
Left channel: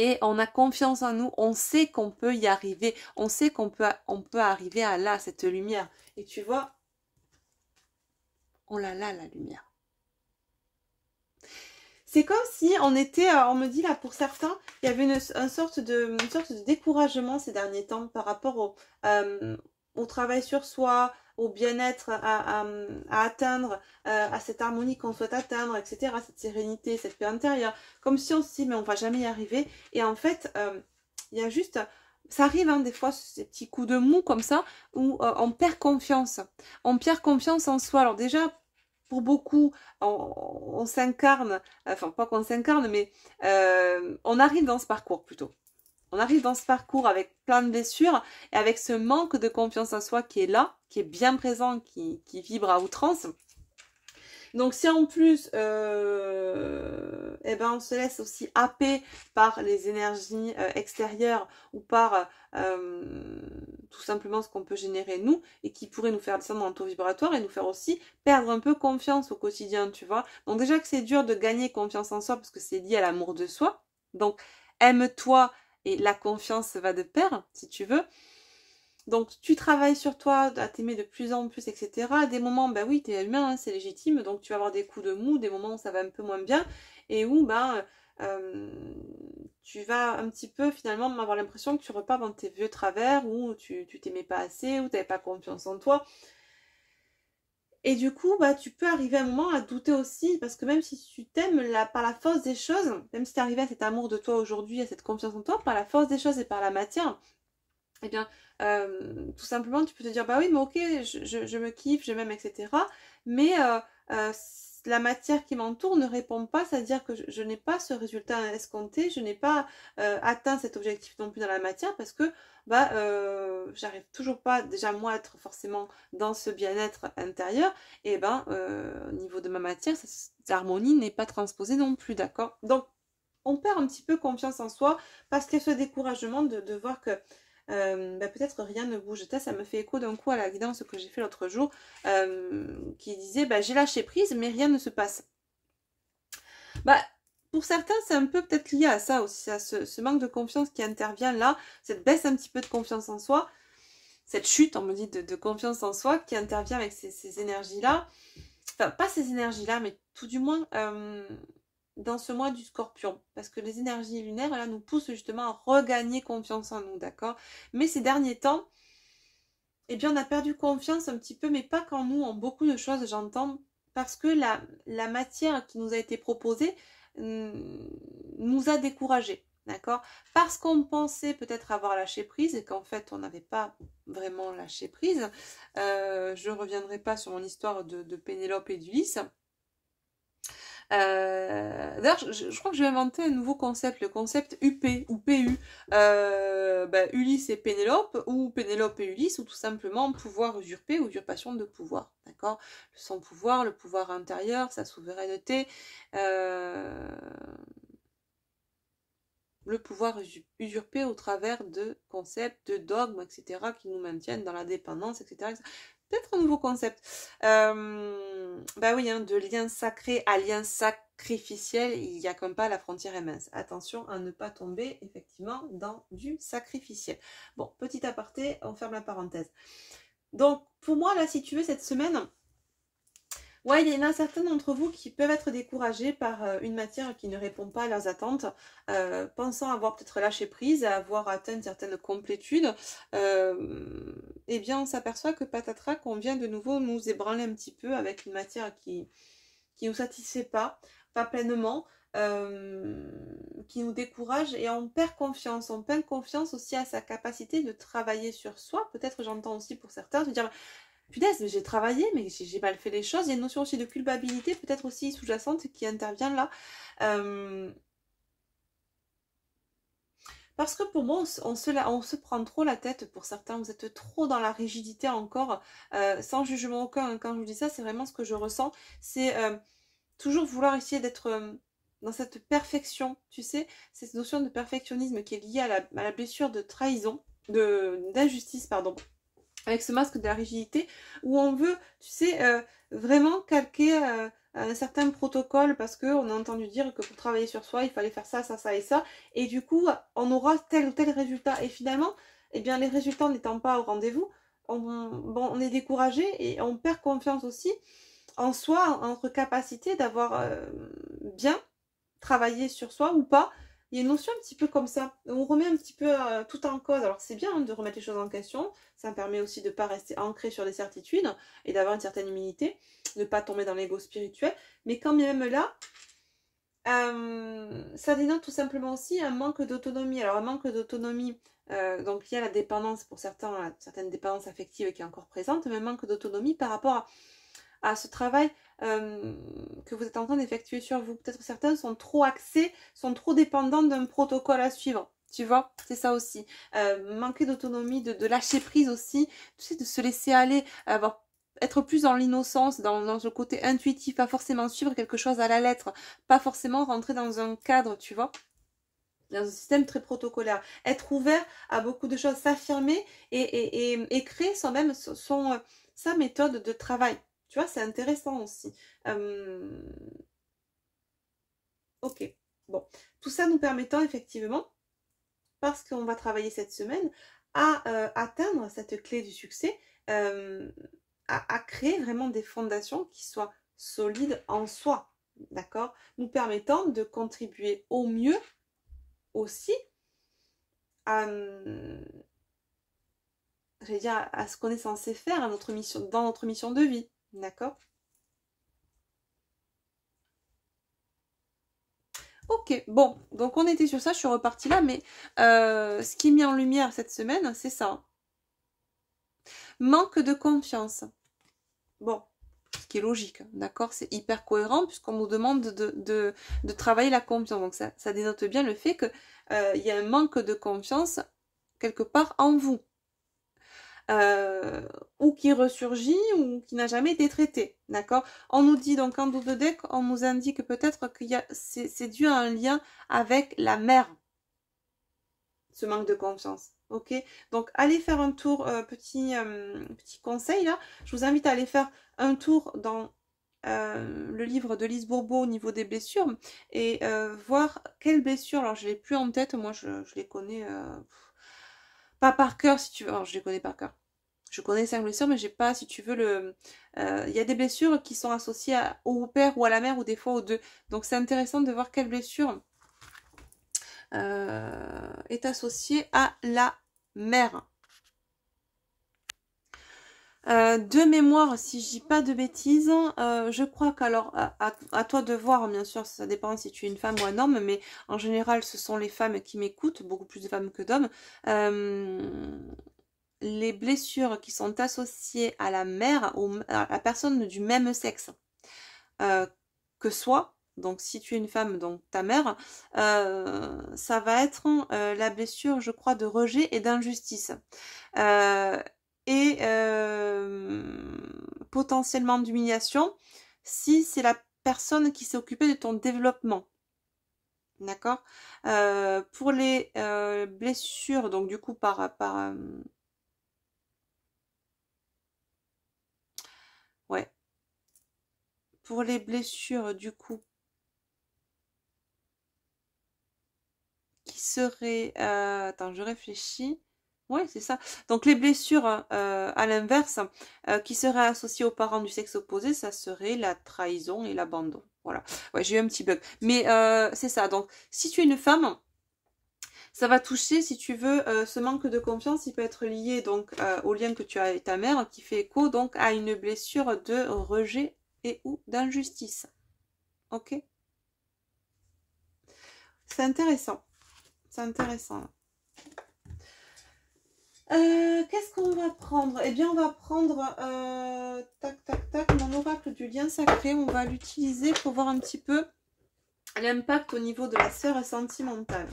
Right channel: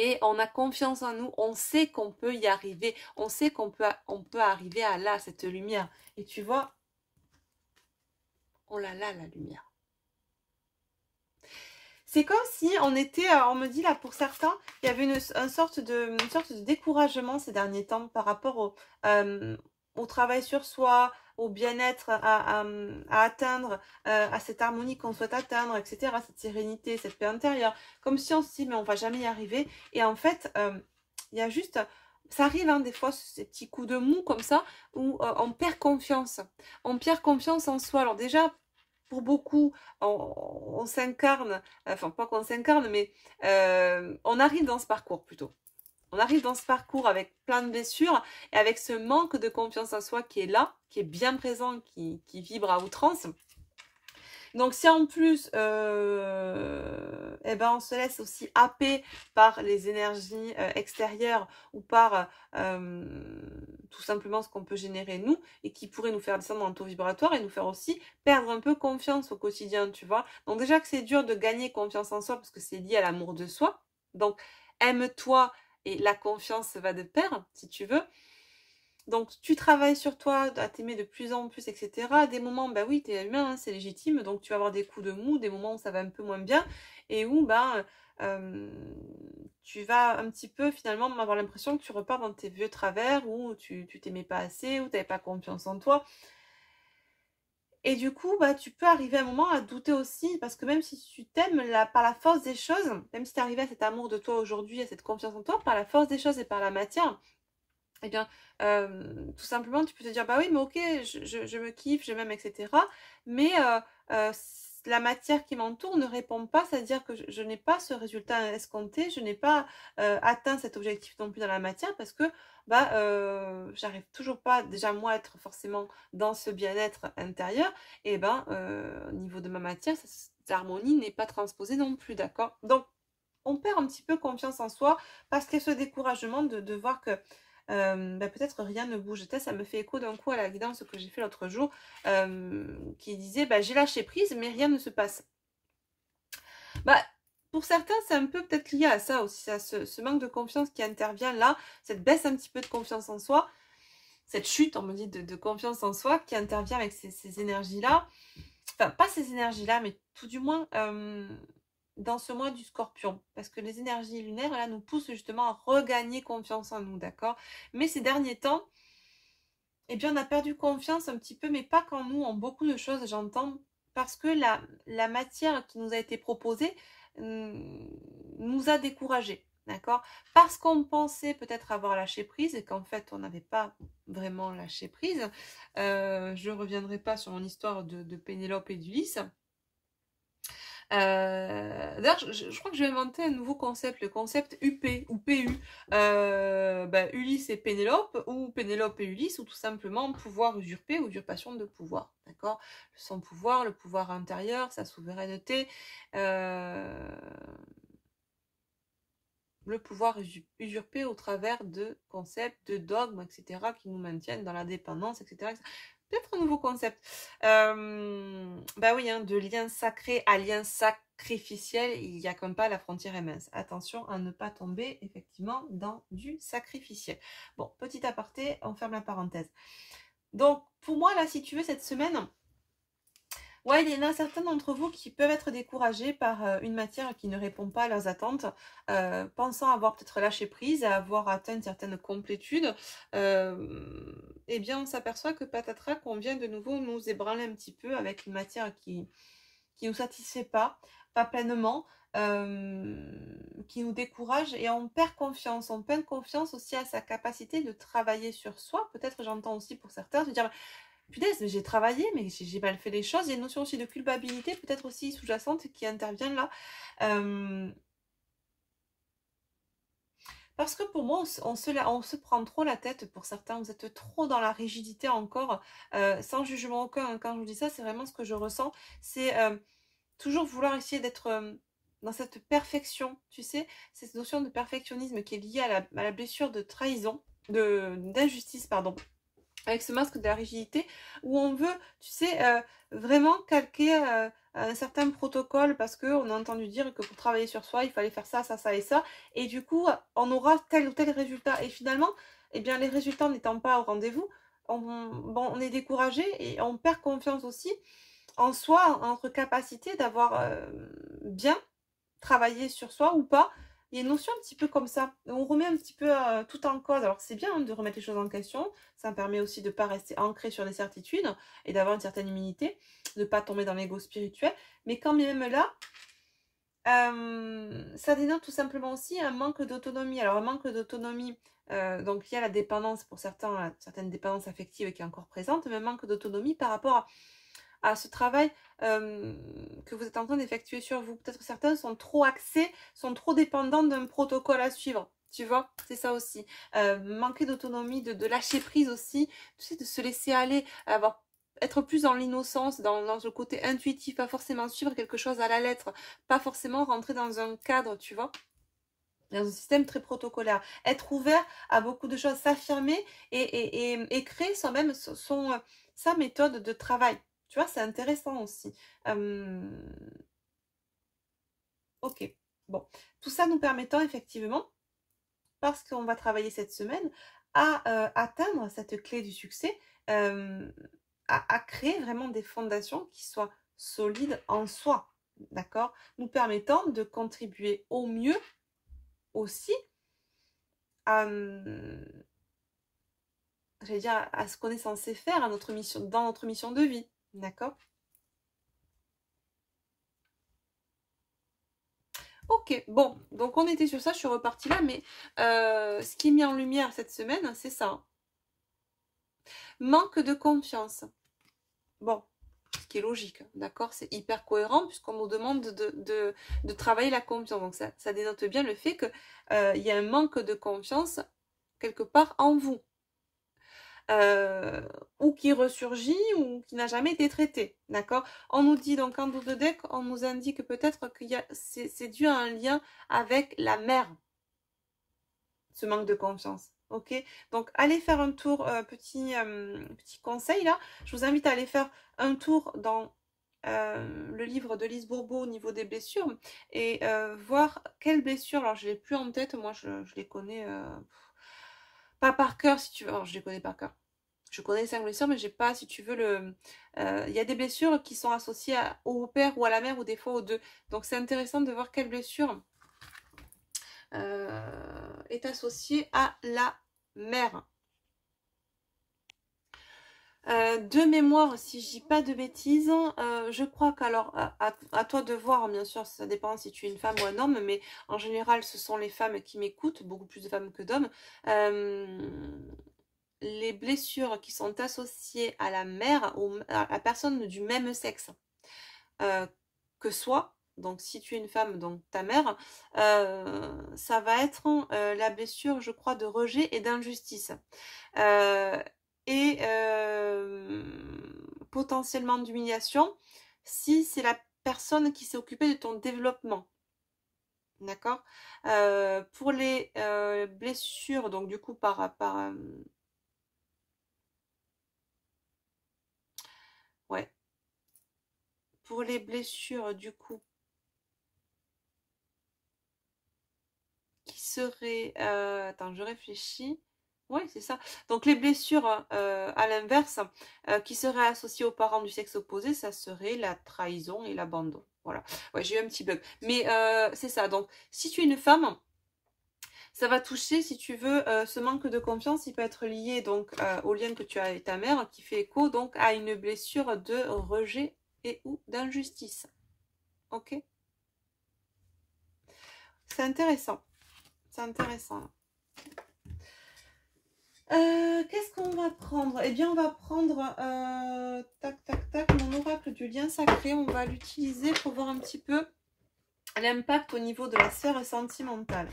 Et on a confiance en nous, on sait qu'on peut y arriver, on sait qu'on peut arriver à là, cette lumière. Et tu vois, on l'a là, la lumière. C'est comme si on était, on me dit là pour certains, il y avait une sorte de découragement ces derniers temps par rapport au travail sur soi, au bien-être à atteindre, à cette harmonie qu'on souhaite atteindre, etc., cette sérénité, cette paix intérieure. Comme si on se dit, mais on va jamais y arriver. Et en fait, il y a juste, ça arrive hein, des fois, ces petits coups de mou comme ça, où on perd confiance. On perd confiance en soi. Alors déjà, pour beaucoup, on s'incarne, enfin pas qu'on s'incarne, mais on arrive dans ce parcours plutôt. On arrive dans ce parcours avec plein de blessures et avec ce manque de confiance en soi qui est là, qui est bien présent, qui vibre à outrance. Donc si en plus eh ben, on se laisse aussi happer par les énergies extérieures ou par tout simplement ce qu'on peut générer nous et qui pourrait nous faire descendre dans le taux vibratoire et nous faire aussi perdre un peu confiance au quotidien, tu vois. Donc déjà que c'est dur de gagner confiance en soi parce que c'est lié à l'amour de soi. Donc aime-toi et la confiance va de pair, si tu veux. Donc tu travailles sur toi, à t'aimer de plus en plus, etc. À des moments, bah oui, t'es humain, hein, c'est légitime, donc tu vas avoir des coups de mou, des moments où ça va un peu moins bien, et où tu vas un petit peu finalement avoir l'impression que tu repars dans tes vieux travers, où tu t'aimais pas assez, où tu n'avais pas confiance en toi. Et du coup, bah, tu peux arriver à un moment à douter aussi, parce que même si tu t'aimes par la force des choses, même si tu es arrivé à cet amour de toi aujourd'hui, à cette confiance en toi, par la force des choses et par la matière, eh bien, tout simplement, tu peux te dire, bah oui, mais ok, je me kiffe, je m'aime, etc. Mais la matière qui m'entoure ne répond pas, c'est-à-dire que je n'ai pas ce résultat escompté, je n'ai pas atteint cet objectif non plus dans la matière parce que bah, j'arrive toujours pas, déjà moi, à être forcément dans ce bien-être intérieur, et ben, au niveau de ma matière, l'harmonie n'est pas transposée non plus, d'accord? Donc, on perd un petit peu confiance en soi parce qu'il y a ce découragement de voir que bah, peut-être rien ne bouge. Et ça me fait écho d'un coup à la vidéo que j'ai fait l'autre jour qui disait bah, j'ai lâché prise mais rien ne se passe. Bah, pour certains, c'est un peu peut-être lié à ça aussi, à ce manque de confiance qui intervient là, cette baisse un petit peu de confiance en soi, cette chute, on me dit, de confiance en soi qui intervient avec ces énergies-là. Enfin, pas ces énergies-là, mais tout du moins dans ce mois du Scorpion. Parce que les énergies lunaires, là, nous poussent justement à regagner confiance en nous, d'accord? Mais ces derniers temps, eh bien, on a perdu confiance un petit peu, mais pas qu'en nous, en beaucoup de choses, j'entends. Parce que la matière qui nous a été proposée nous a découragés. D'accord? Parce qu'on pensait peut-être avoir lâché prise et qu'en fait on n'avait pas vraiment lâché prise. Je ne reviendrai pas sur mon histoire de Pénélope et d'Ulysse. D'ailleurs, je crois que je vais inventer un nouveau concept, le concept UP ou PU. Ulysse et Pénélope, ou Pénélope et Ulysse, ou tout simplement pouvoir usurpé, usurpation de pouvoir. D'accord? Son pouvoir, le pouvoir intérieur, sa souveraineté, le pouvoir usurpé au travers de concepts, de dogmes, etc., qui nous maintiennent dans la dépendance, etc. Peut-être un nouveau concept. Bah oui, hein, de lien sacré à lien sacrificiel, il n'y a comme pas, la frontière est mince. Attention à ne pas tomber, effectivement, dans du sacrificiel. Bon, petit aparté, on ferme la parenthèse. Donc, pour moi, là, si tu veux, cette semaine... Ouais, il y en a certains d'entre vous qui peuvent être découragés par une matière qui ne répond pas à leurs attentes, pensant avoir peut-être lâché prise, avoir atteint une certaine complétude. Eh bien, on s'aperçoit que patatras, qu'on vient de nouveau nous ébranler un petit peu avec une matière qui nous satisfait pas pleinement, qui nous décourage et on perd confiance. On perd confiance aussi à sa capacité de travailler sur soi. Peut-être j'entends aussi pour certains se dire... Punaise, j'ai travaillé, mais j'ai mal fait les choses. Il y a une notion aussi de culpabilité, peut-être aussi sous-jacente, qui intervient là. Parce que pour moi, on se prend trop la tête pour certains. Vous êtes trop dans la rigidité encore, sans jugement aucun. Quand je vous dis ça, c'est vraiment ce que je ressens. C'est toujours vouloir essayer d'être dans cette perfection, tu sais, cette notion de perfectionnisme qui est liée à la blessure de trahison, d'injustice, pardon. Avec ce masque de la rigidité, où on veut, tu sais, vraiment calquer un certain protocole parce qu'on a entendu dire que pour travailler sur soi, il fallait faire ça, ça, ça et ça. Et du coup, on aura tel ou tel résultat. Et finalement, eh bien, les résultats n'étant pas au rendez-vous, on est découragé et on perd confiance aussi en soi, en notre capacité d'avoir bien travailler sur soi ou pas. Il y a une notion un petit peu comme ça. On remet un petit peu tout en cause. Alors c'est bien hein, de remettre les choses en question. Ça me permet aussi de ne pas rester ancré sur des certitudes et d'avoir une certaine humilité, de ne pas tomber dans l'ego spirituel. Mais quand même là, ça dénote tout simplement aussi un manque d'autonomie. Alors un manque d'autonomie, donc il y a la dépendance pour certains, certaines dépendances affectives qui est encore présente, mais un manque d'autonomie par rapport à ce travail que vous êtes en train d'effectuer sur vous. Peut-être certains sont trop axés, sont trop dépendants d'un protocole à suivre. Tu vois, c'est ça aussi. Manquer d'autonomie, de lâcher prise aussi, tu sais, de se laisser aller, être plus dans l'innocence, dans le côté intuitif, pas forcément suivre quelque chose à la lettre, pas forcément rentrer dans un cadre, tu vois, dans un système très protocolaire. Être ouvert à beaucoup de choses, s'affirmer et créer soi-même sa méthode de travail. Tu vois, c'est intéressant aussi. Ok, bon. Tout ça nous permettant effectivement, parce qu'on va travailler cette semaine, à atteindre cette clé du succès, à créer vraiment des fondations qui soient solides en soi, d'accord? Nous permettant de contribuer au mieux aussi à, j'allais dire, à ce qu'on est censé faire à notre mission, dans notre mission de vie, d'accord? Ok, bon, donc on était sur ça, je suis repartie là, mais ce qui est mis en lumière cette semaine, c'est ça. Manque de confiance. Bon, ce qui est logique, d'accord? C'est hyper cohérent puisqu'on nous demande de travailler la confiance. Donc ça dénote bien le fait qu'il y a un manque de confiance quelque part en vous. Ou qui ressurgit ou qui n'a jamais été traité, d'accord? On nous dit donc en double deck, on nous indique peut-être que c'est dû à un lien avec la mère, ce manque de confiance. Ok, donc allez faire un tour, petit conseil là, je vous invite à aller faire un tour dans le livre de Lise Bourbeau au niveau des blessures et voir quelles blessures, alors je ne l'ai plus en tête, moi je les connais pas par cœur si tu veux, alors je les connais par cœur. Je connais 5 blessures, mais j'ai pas, si tu veux, il y a des blessures qui sont associées au père ou à la mère ou des fois aux deux. Donc c'est intéressant de voir quelle blessure est associée à la mère. De mémoire, si je dis pas de bêtises, je crois qu'alors, à toi de voir, bien sûr, ça dépend si tu es une femme ou un homme, mais en général, ce sont les femmes qui m'écoutent, beaucoup plus de femmes que d'hommes. Les blessures qui sont associées à la mère, à la personne du même sexe que soi, donc si tu es une femme, donc ta mère, ça va être la blessure, je crois, de rejet et d'injustice. Et potentiellement d'humiliation si c'est la personne qui s'est occupée de ton développement. D'accord? Pour les blessures, donc du coup ouais. Pour les blessures, du coup, qui seraient... attends, je réfléchis. Ouais, c'est ça. Donc les blessures, à l'inverse, qui seraient associées aux parents du sexe opposé, ça serait la trahison et l'abandon. Voilà. Ouais, j'ai eu un petit bug. Mais c'est ça. Donc, si tu es une femme, ça va toucher, si tu veux, ce manque de confiance, il peut être lié donc au lien que tu as avec ta mère, qui fait écho donc à une blessure de rejet et ou d'injustice. Ok? C'est intéressant. C'est intéressant. Qu'est-ce qu'on va prendre? Eh bien, on va prendre tac, tac, tac, mon oracle du lien sacré. On va l'utiliser pour voir un petit peu l'impact au niveau de la sphère sentimentale.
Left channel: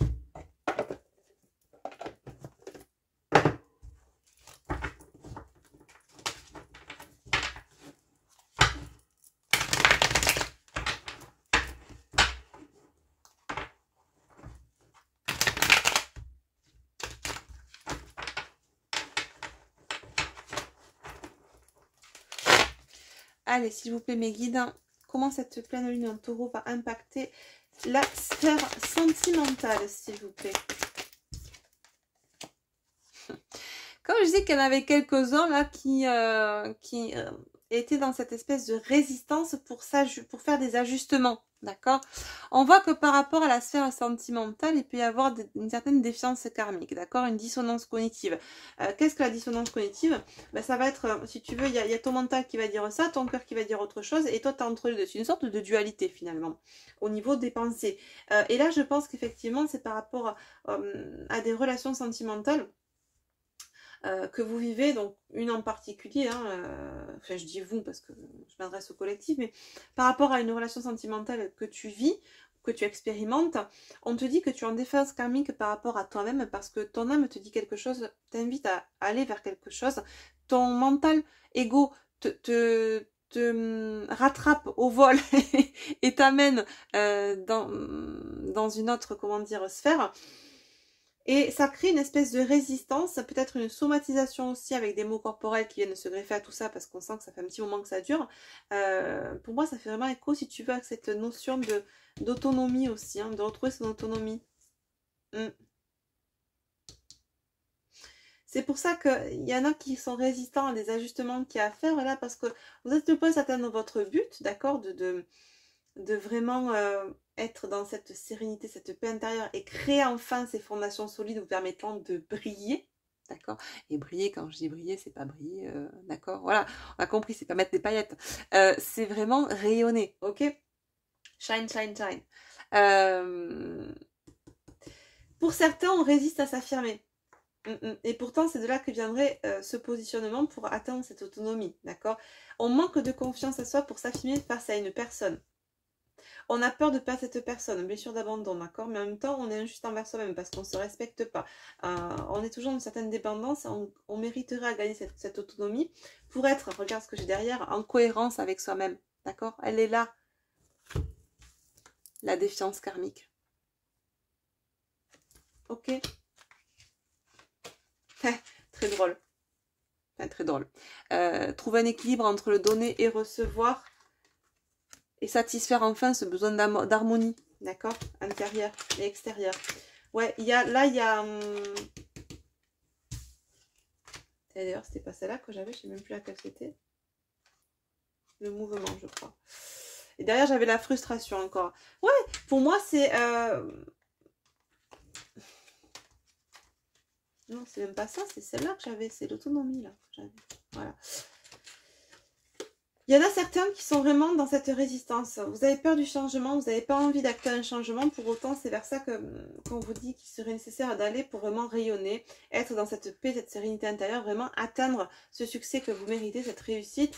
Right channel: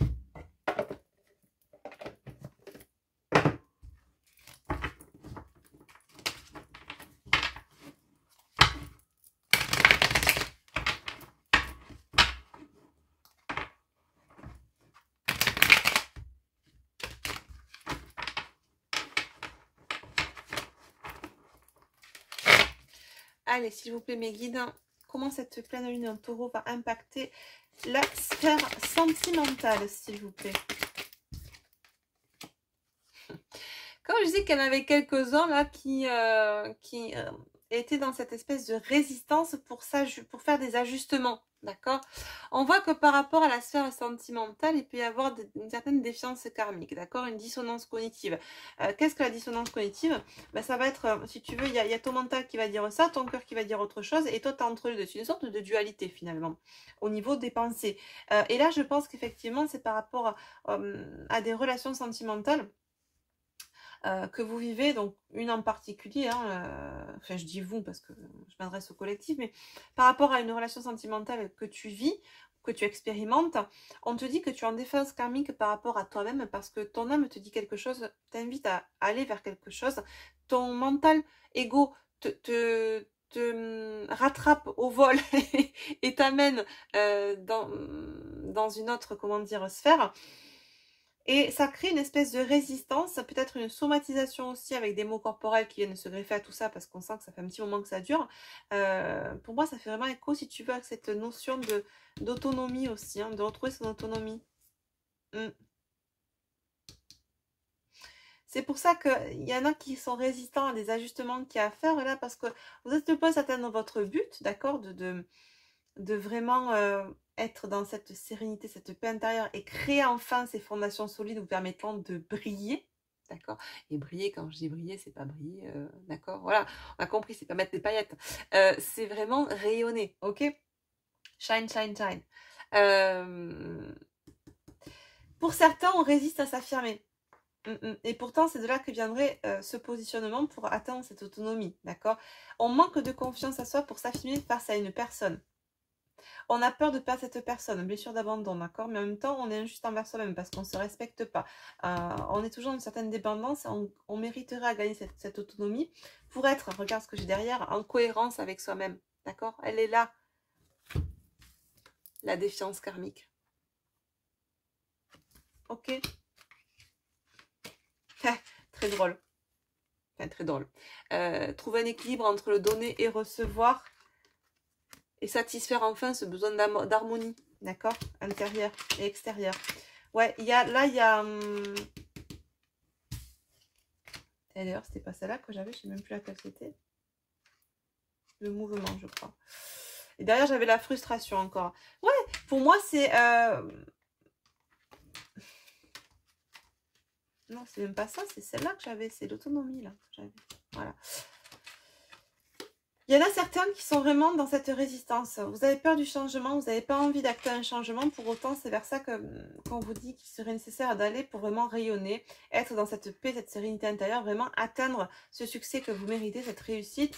Allez, s'il vous plaît, mes guides, comment cette pleine lune en taureau va impacter la sphère sentimentale, s'il vous plaît? Comme je disais qu'il y en avait quelques-uns là qui étaient dans cette espèce de résistance pour faire des ajustements, D'accord? On voit que par rapport à la sphère sentimentale, il peut y avoir une certaine défiance karmique, d'accord? Une dissonance cognitive. Qu'est-ce que la dissonance cognitive? Ben, ça va être, si tu veux, il y a ton mental qui va dire ça, ton cœur qui va dire autre chose, et toi, tu es entre les deux. C'est une sorte de dualité, finalement, au niveau des pensées. Et là, je pense qu'effectivement, c'est par rapport à des relations sentimentales que vous vivez, donc une en particulier, hein, enfin je dis vous parce que je m'adresse au collectif, mais par rapport à une relation sentimentale que tu vis, que tu expérimentes, on te dit que tu es en défense karmique par rapport à toi-même parce que ton âme te dit quelque chose, t'invite à aller vers quelque chose, ton mental ego te rattrape au vol et t'amène dans une autre, comment dire, sphère. Et ça crée une espèce de résistance, peut-être une somatisation aussi avec des mots corporels qui viennent se greffer à tout ça parce qu'on sent que ça fait un petit moment que ça dure. Pour moi, ça fait vraiment écho, si tu veux, à cette notion d'autonomie aussi, hein, de retrouver son autonomie. C'est pour ça qu'il y en a qui sont résistants à des ajustements qu'il y a à faire là parce que vous êtes le poste à atteindre votre but, d'accord, de vraiment être dans cette sérénité, cette paix intérieure et créer enfin ces fondations solides vous permettant de briller, d'accord? Et briller, quand je dis briller, c'est pas briller, d'accord? Voilà, on a compris, c'est pas mettre des paillettes, c'est vraiment rayonner, ok? Shine, shine, shine. Pour certains, on résiste à s'affirmer. Et pourtant, c'est de là que viendrait ce positionnement pour atteindre cette autonomie, d'accord? On manque de confiance à soi pour s'affirmer face à une personne. On a peur de perdre cette personne, blessure d'abandon, d'accord? Mais en même temps, on est injuste envers soi-même parce qu'on ne se respecte pas. On est toujours dans une certaine dépendance. On mériterait à gagner cette autonomie pour être, regarde ce que j'ai derrière, en cohérence avec soi-même, d'accord? Elle est là, la défiance karmique. Ok? Très drôle. Enfin, très drôle. Trouver un équilibre entre le donner et recevoir et satisfaire enfin ce besoin d'harmonie, d'accord, intérieur et extérieur. Ouais, il y a d'ailleurs, c'était pas celle-là que j'avais, je sais même plus laquelle c'était. Le mouvement, je crois. Et derrière, j'avais la frustration encore. Ouais, pour moi, c'est... Non, c'est même pas ça, c'est celle-là que j'avais. C'est l'autonomie, là. Voilà. Il y en a certains qui sont vraiment dans cette résistance. Vous avez peur du changement, vous n'avez pas envie d'acter un changement. Pour autant, c'est vers ça qu'on vous dit qu'il serait nécessaire d'aller pour vraiment rayonner, être dans cette paix, cette sérénité intérieure, vraiment atteindre ce succès que vous méritez, cette réussite,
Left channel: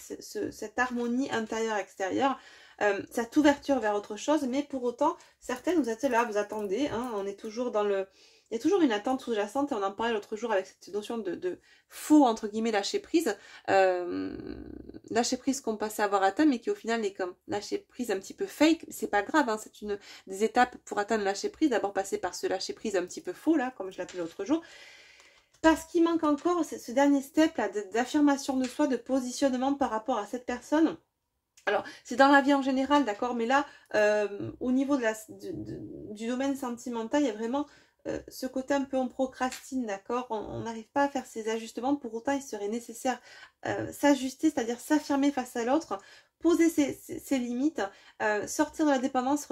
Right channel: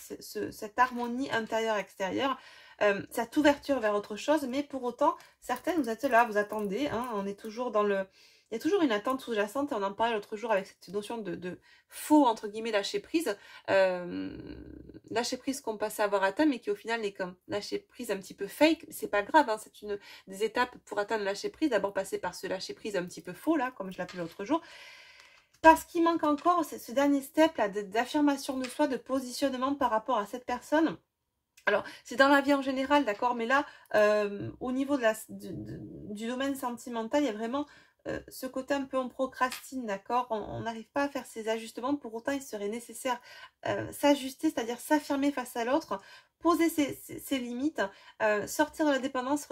cette harmonie intérieure-extérieure, cette ouverture vers autre chose. Mais pour autant, certaines, vous êtes là, vous attendez, hein, on est toujours dans le... Il y a toujours une attente sous-jacente, et on en parlait l'autre jour avec cette notion de faux, entre guillemets, lâcher prise. Lâcher prise qu'on pensait avoir atteint, mais qui au final n'est comme lâcher prise un petit peu fake. C'est pas grave, hein, c'est une des étapes pour atteindre le lâcher prise. D'abord passer par ce lâcher prise un petit peu faux, là, comme je l'appelais l'autre jour. Parce qu'il manque encore ce dernier step là d'affirmation de soi, de positionnement par rapport à cette personne. Alors, c'est dans la vie en général, d'accord, mais là, au niveau du domaine sentimental, il y a vraiment ce côté un peu on procrastine, d'accord, on n'arrive pas à faire ces ajustements, pour autant il serait nécessaire s'ajuster, c'est-à-dire s'affirmer face à l'autre, poser ses limites, sortir de la dépendance,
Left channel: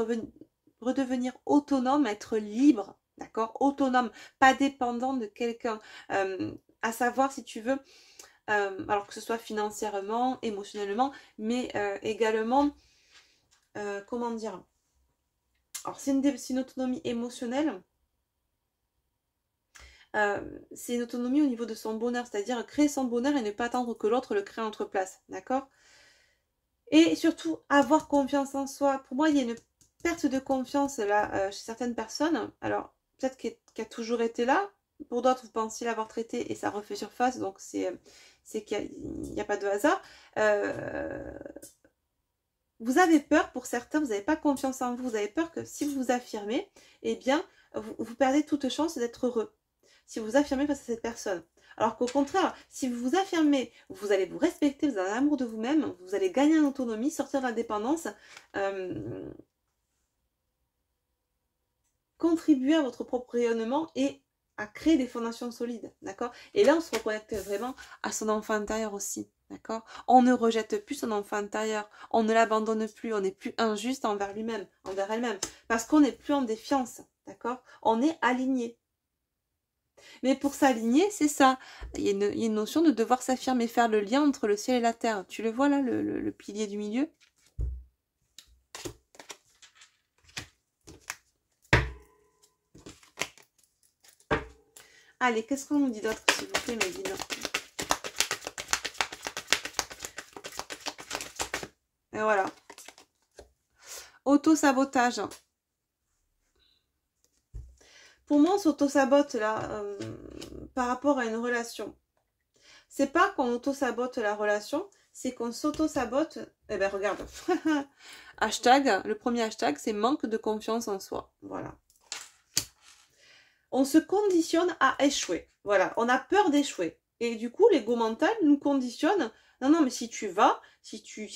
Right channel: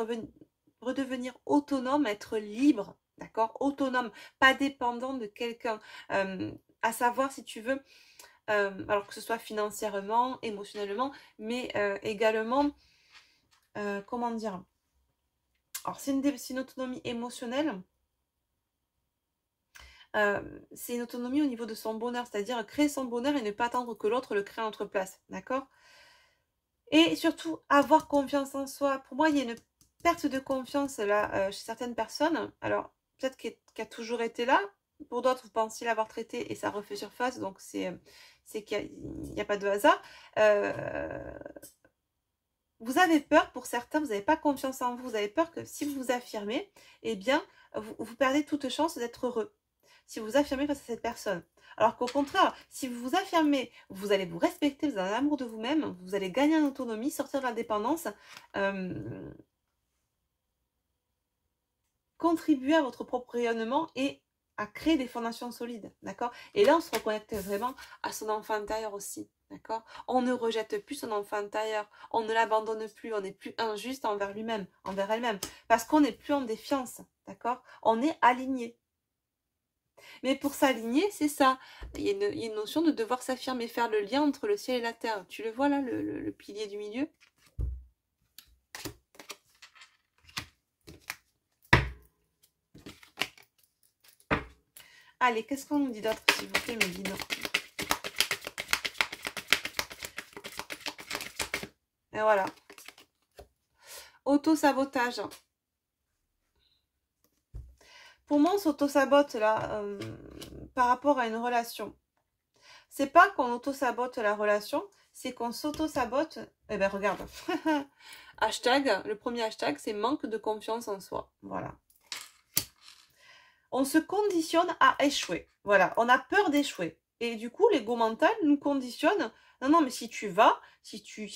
redevenir autonome, être libre, d'accord, autonome, pas dépendant de quelqu'un, à savoir si tu veux, alors que ce soit financièrement, émotionnellement, mais également, comment dire, alors c'est une autonomie émotionnelle, c'est une autonomie au niveau de son bonheur, c'est-à-dire créer son bonheur et ne pas attendre que l'autre le crée à notre place, d'accord? Et surtout, avoir confiance en soi. Pour moi, il y a une perte de confiance là chez certaines personnes, alors peut-être qu'elle a toujours été là, pour d'autres, vous pensiez l'avoir traité et ça refait surface, donc c'est qu'il n'y a pas de hasard. Vous avez peur, pour certains, vous n'avez pas confiance en vous, vous avez peur que si vous vous affirmez, eh bien, vous perdez toute chance d'être heureux. Si vous vous affirmez face à cette personne. Alors qu'au contraire, si vous vous affirmez, vous allez vous respecter, vous avez un amour de vous-même, vous allez gagner en autonomie, sortir de l'indépendance, contribuer à votre propre rayonnement et à créer des fondations solides, d'accord? Et là, on se reconnecte vraiment à son enfant intérieur aussi, d'accord? On ne rejette plus son enfant intérieur, on ne l'abandonne plus, on n'est plus injuste envers lui-même, envers elle-même, parce qu'on n'est plus en défiance, d'accord? On est aligné. Mais pour s'aligner, c'est ça. Il y a une notion de devoir s'affirmer, faire le lien entre le ciel et la terre. Tu le vois là, le pilier du milieu? Allez, qu'est-ce qu'on nous dit d'autre, s'il vous plaît, Médine? Et voilà. Auto-sabotage. Pour moi, on s'auto-sabote là, par rapport à une relation. C'est pas qu'on auto-sabote la relation, c'est qu'on s'auto-sabote. Eh ben regarde. Hashtag, le premier hashtag, c'est manque de confiance en soi. Voilà. On se conditionne à échouer. Voilà, on a peur d'échouer. Et du coup, l'ego mental nous conditionne. Non, non, mais si tu vas, si tu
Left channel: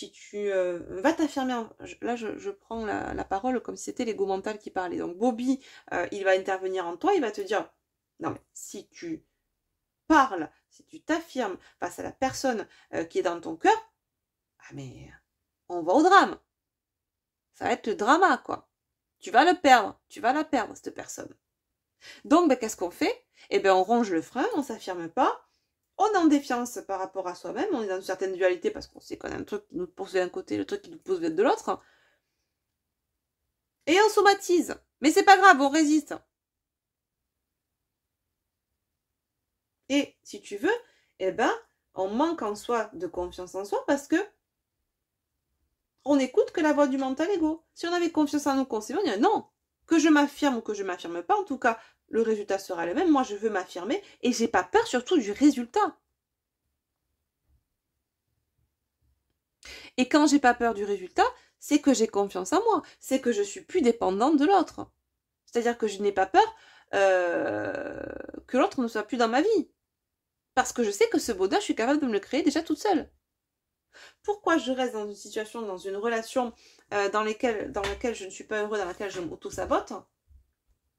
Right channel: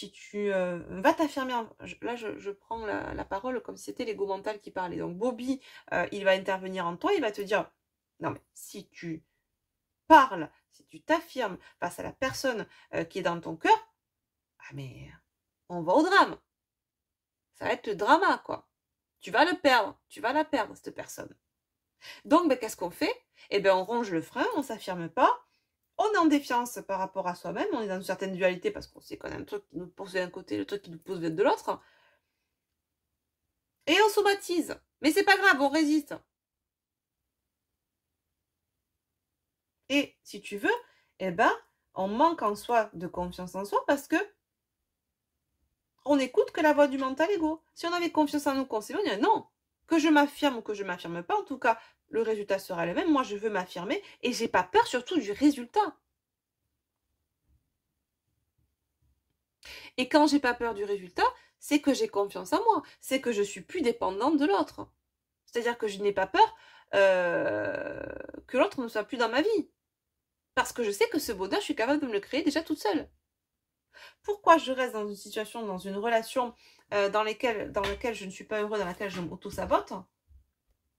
vas t'affirmer. Là, je prends la parole comme si c'était l'ego mental qui parlait. Donc, Bobby, il va intervenir en toi, il va te dire, non, mais si tu parles, si tu t'affirmes face à la personne qui est dans ton cœur, ah mais on va au drame. Ça va être le drama, quoi. Tu vas le perdre, tu vas la perdre, cette personne. Donc, ben, qu'est-ce qu'on fait? Eh bien, on ronge le frein, on ne s'affirme pas, on est en défiance par rapport à soi-même, on est dans une certaine dualité parce qu'on sait qu'on a un truc qui nous pousse d'un côté, le truc qui nous pousse de l'autre. Et on somatise. Mais c'est pas grave, on résiste. Et si tu veux, eh ben, on manque en soi de confiance en soi parce que on n'écoute que la voix du mental ego. Si on avait confiance en nous, qu'on s'est dit, on dirait non, que je m'affirme ou que je ne m'affirme pas, en tout cas, le résultat sera le même. Moi, je veux m'affirmer et j'ai pas peur surtout du résultat. Et quand j'ai pas peur du résultat, c'est que j'ai confiance en moi, c'est que je suis plus dépendante de l'autre. C'est-à-dire que je n'ai pas peur que l'autre ne soit plus dans ma vie. Parce que je sais que ce bonheur, je suis capable de me le créer déjà toute seule. Pourquoi je reste dans une situation, dans une relation dans laquelle je ne suis pas heureux, dans laquelle je m'auto-sabote?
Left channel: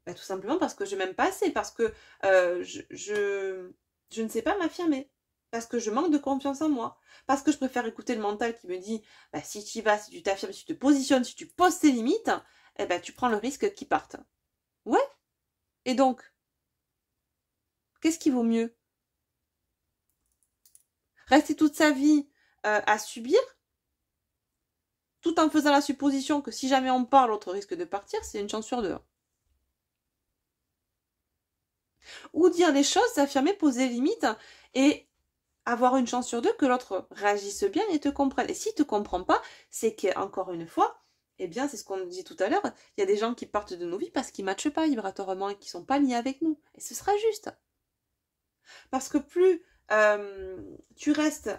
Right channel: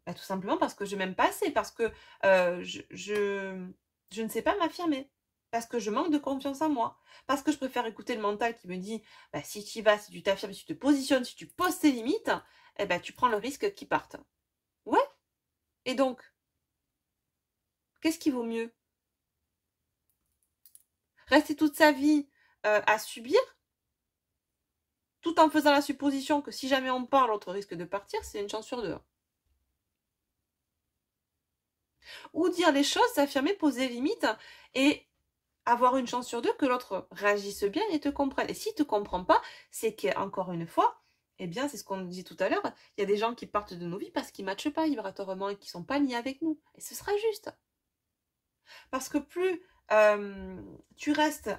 Bah, tout simplement parce que je m'aime pas assez, parce que je ne sais pas m'affirmer, parce que je manque de confiance en moi, parce que je préfère écouter le mental qui me dit bah, si tu y vas, si tu t'affirmes, si tu te positionnes, si tu poses tes limites, eh ben, tu prends le risque qu'ils partent. Ouais. Et donc, qu'est-ce qui vaut mieux? Rester toute sa vie à subir, tout en faisant la supposition que si jamais on part, l'autre risque de partir, c'est une chance sur deux. Ou dire les choses, s'affirmer, poser les limites et avoir une chance sur deux que l'autre réagisse bien et te comprenne. Et s'il ne te comprend pas, c'est qu'encore une fois, eh bien, c'est ce qu'on disait tout à l'heure, il y a des gens qui partent de nos vies parce qu'ils ne matchent pas vibratoirement et qui ne sont pas liés avec nous. Et ce sera juste. Parce que plus tu restes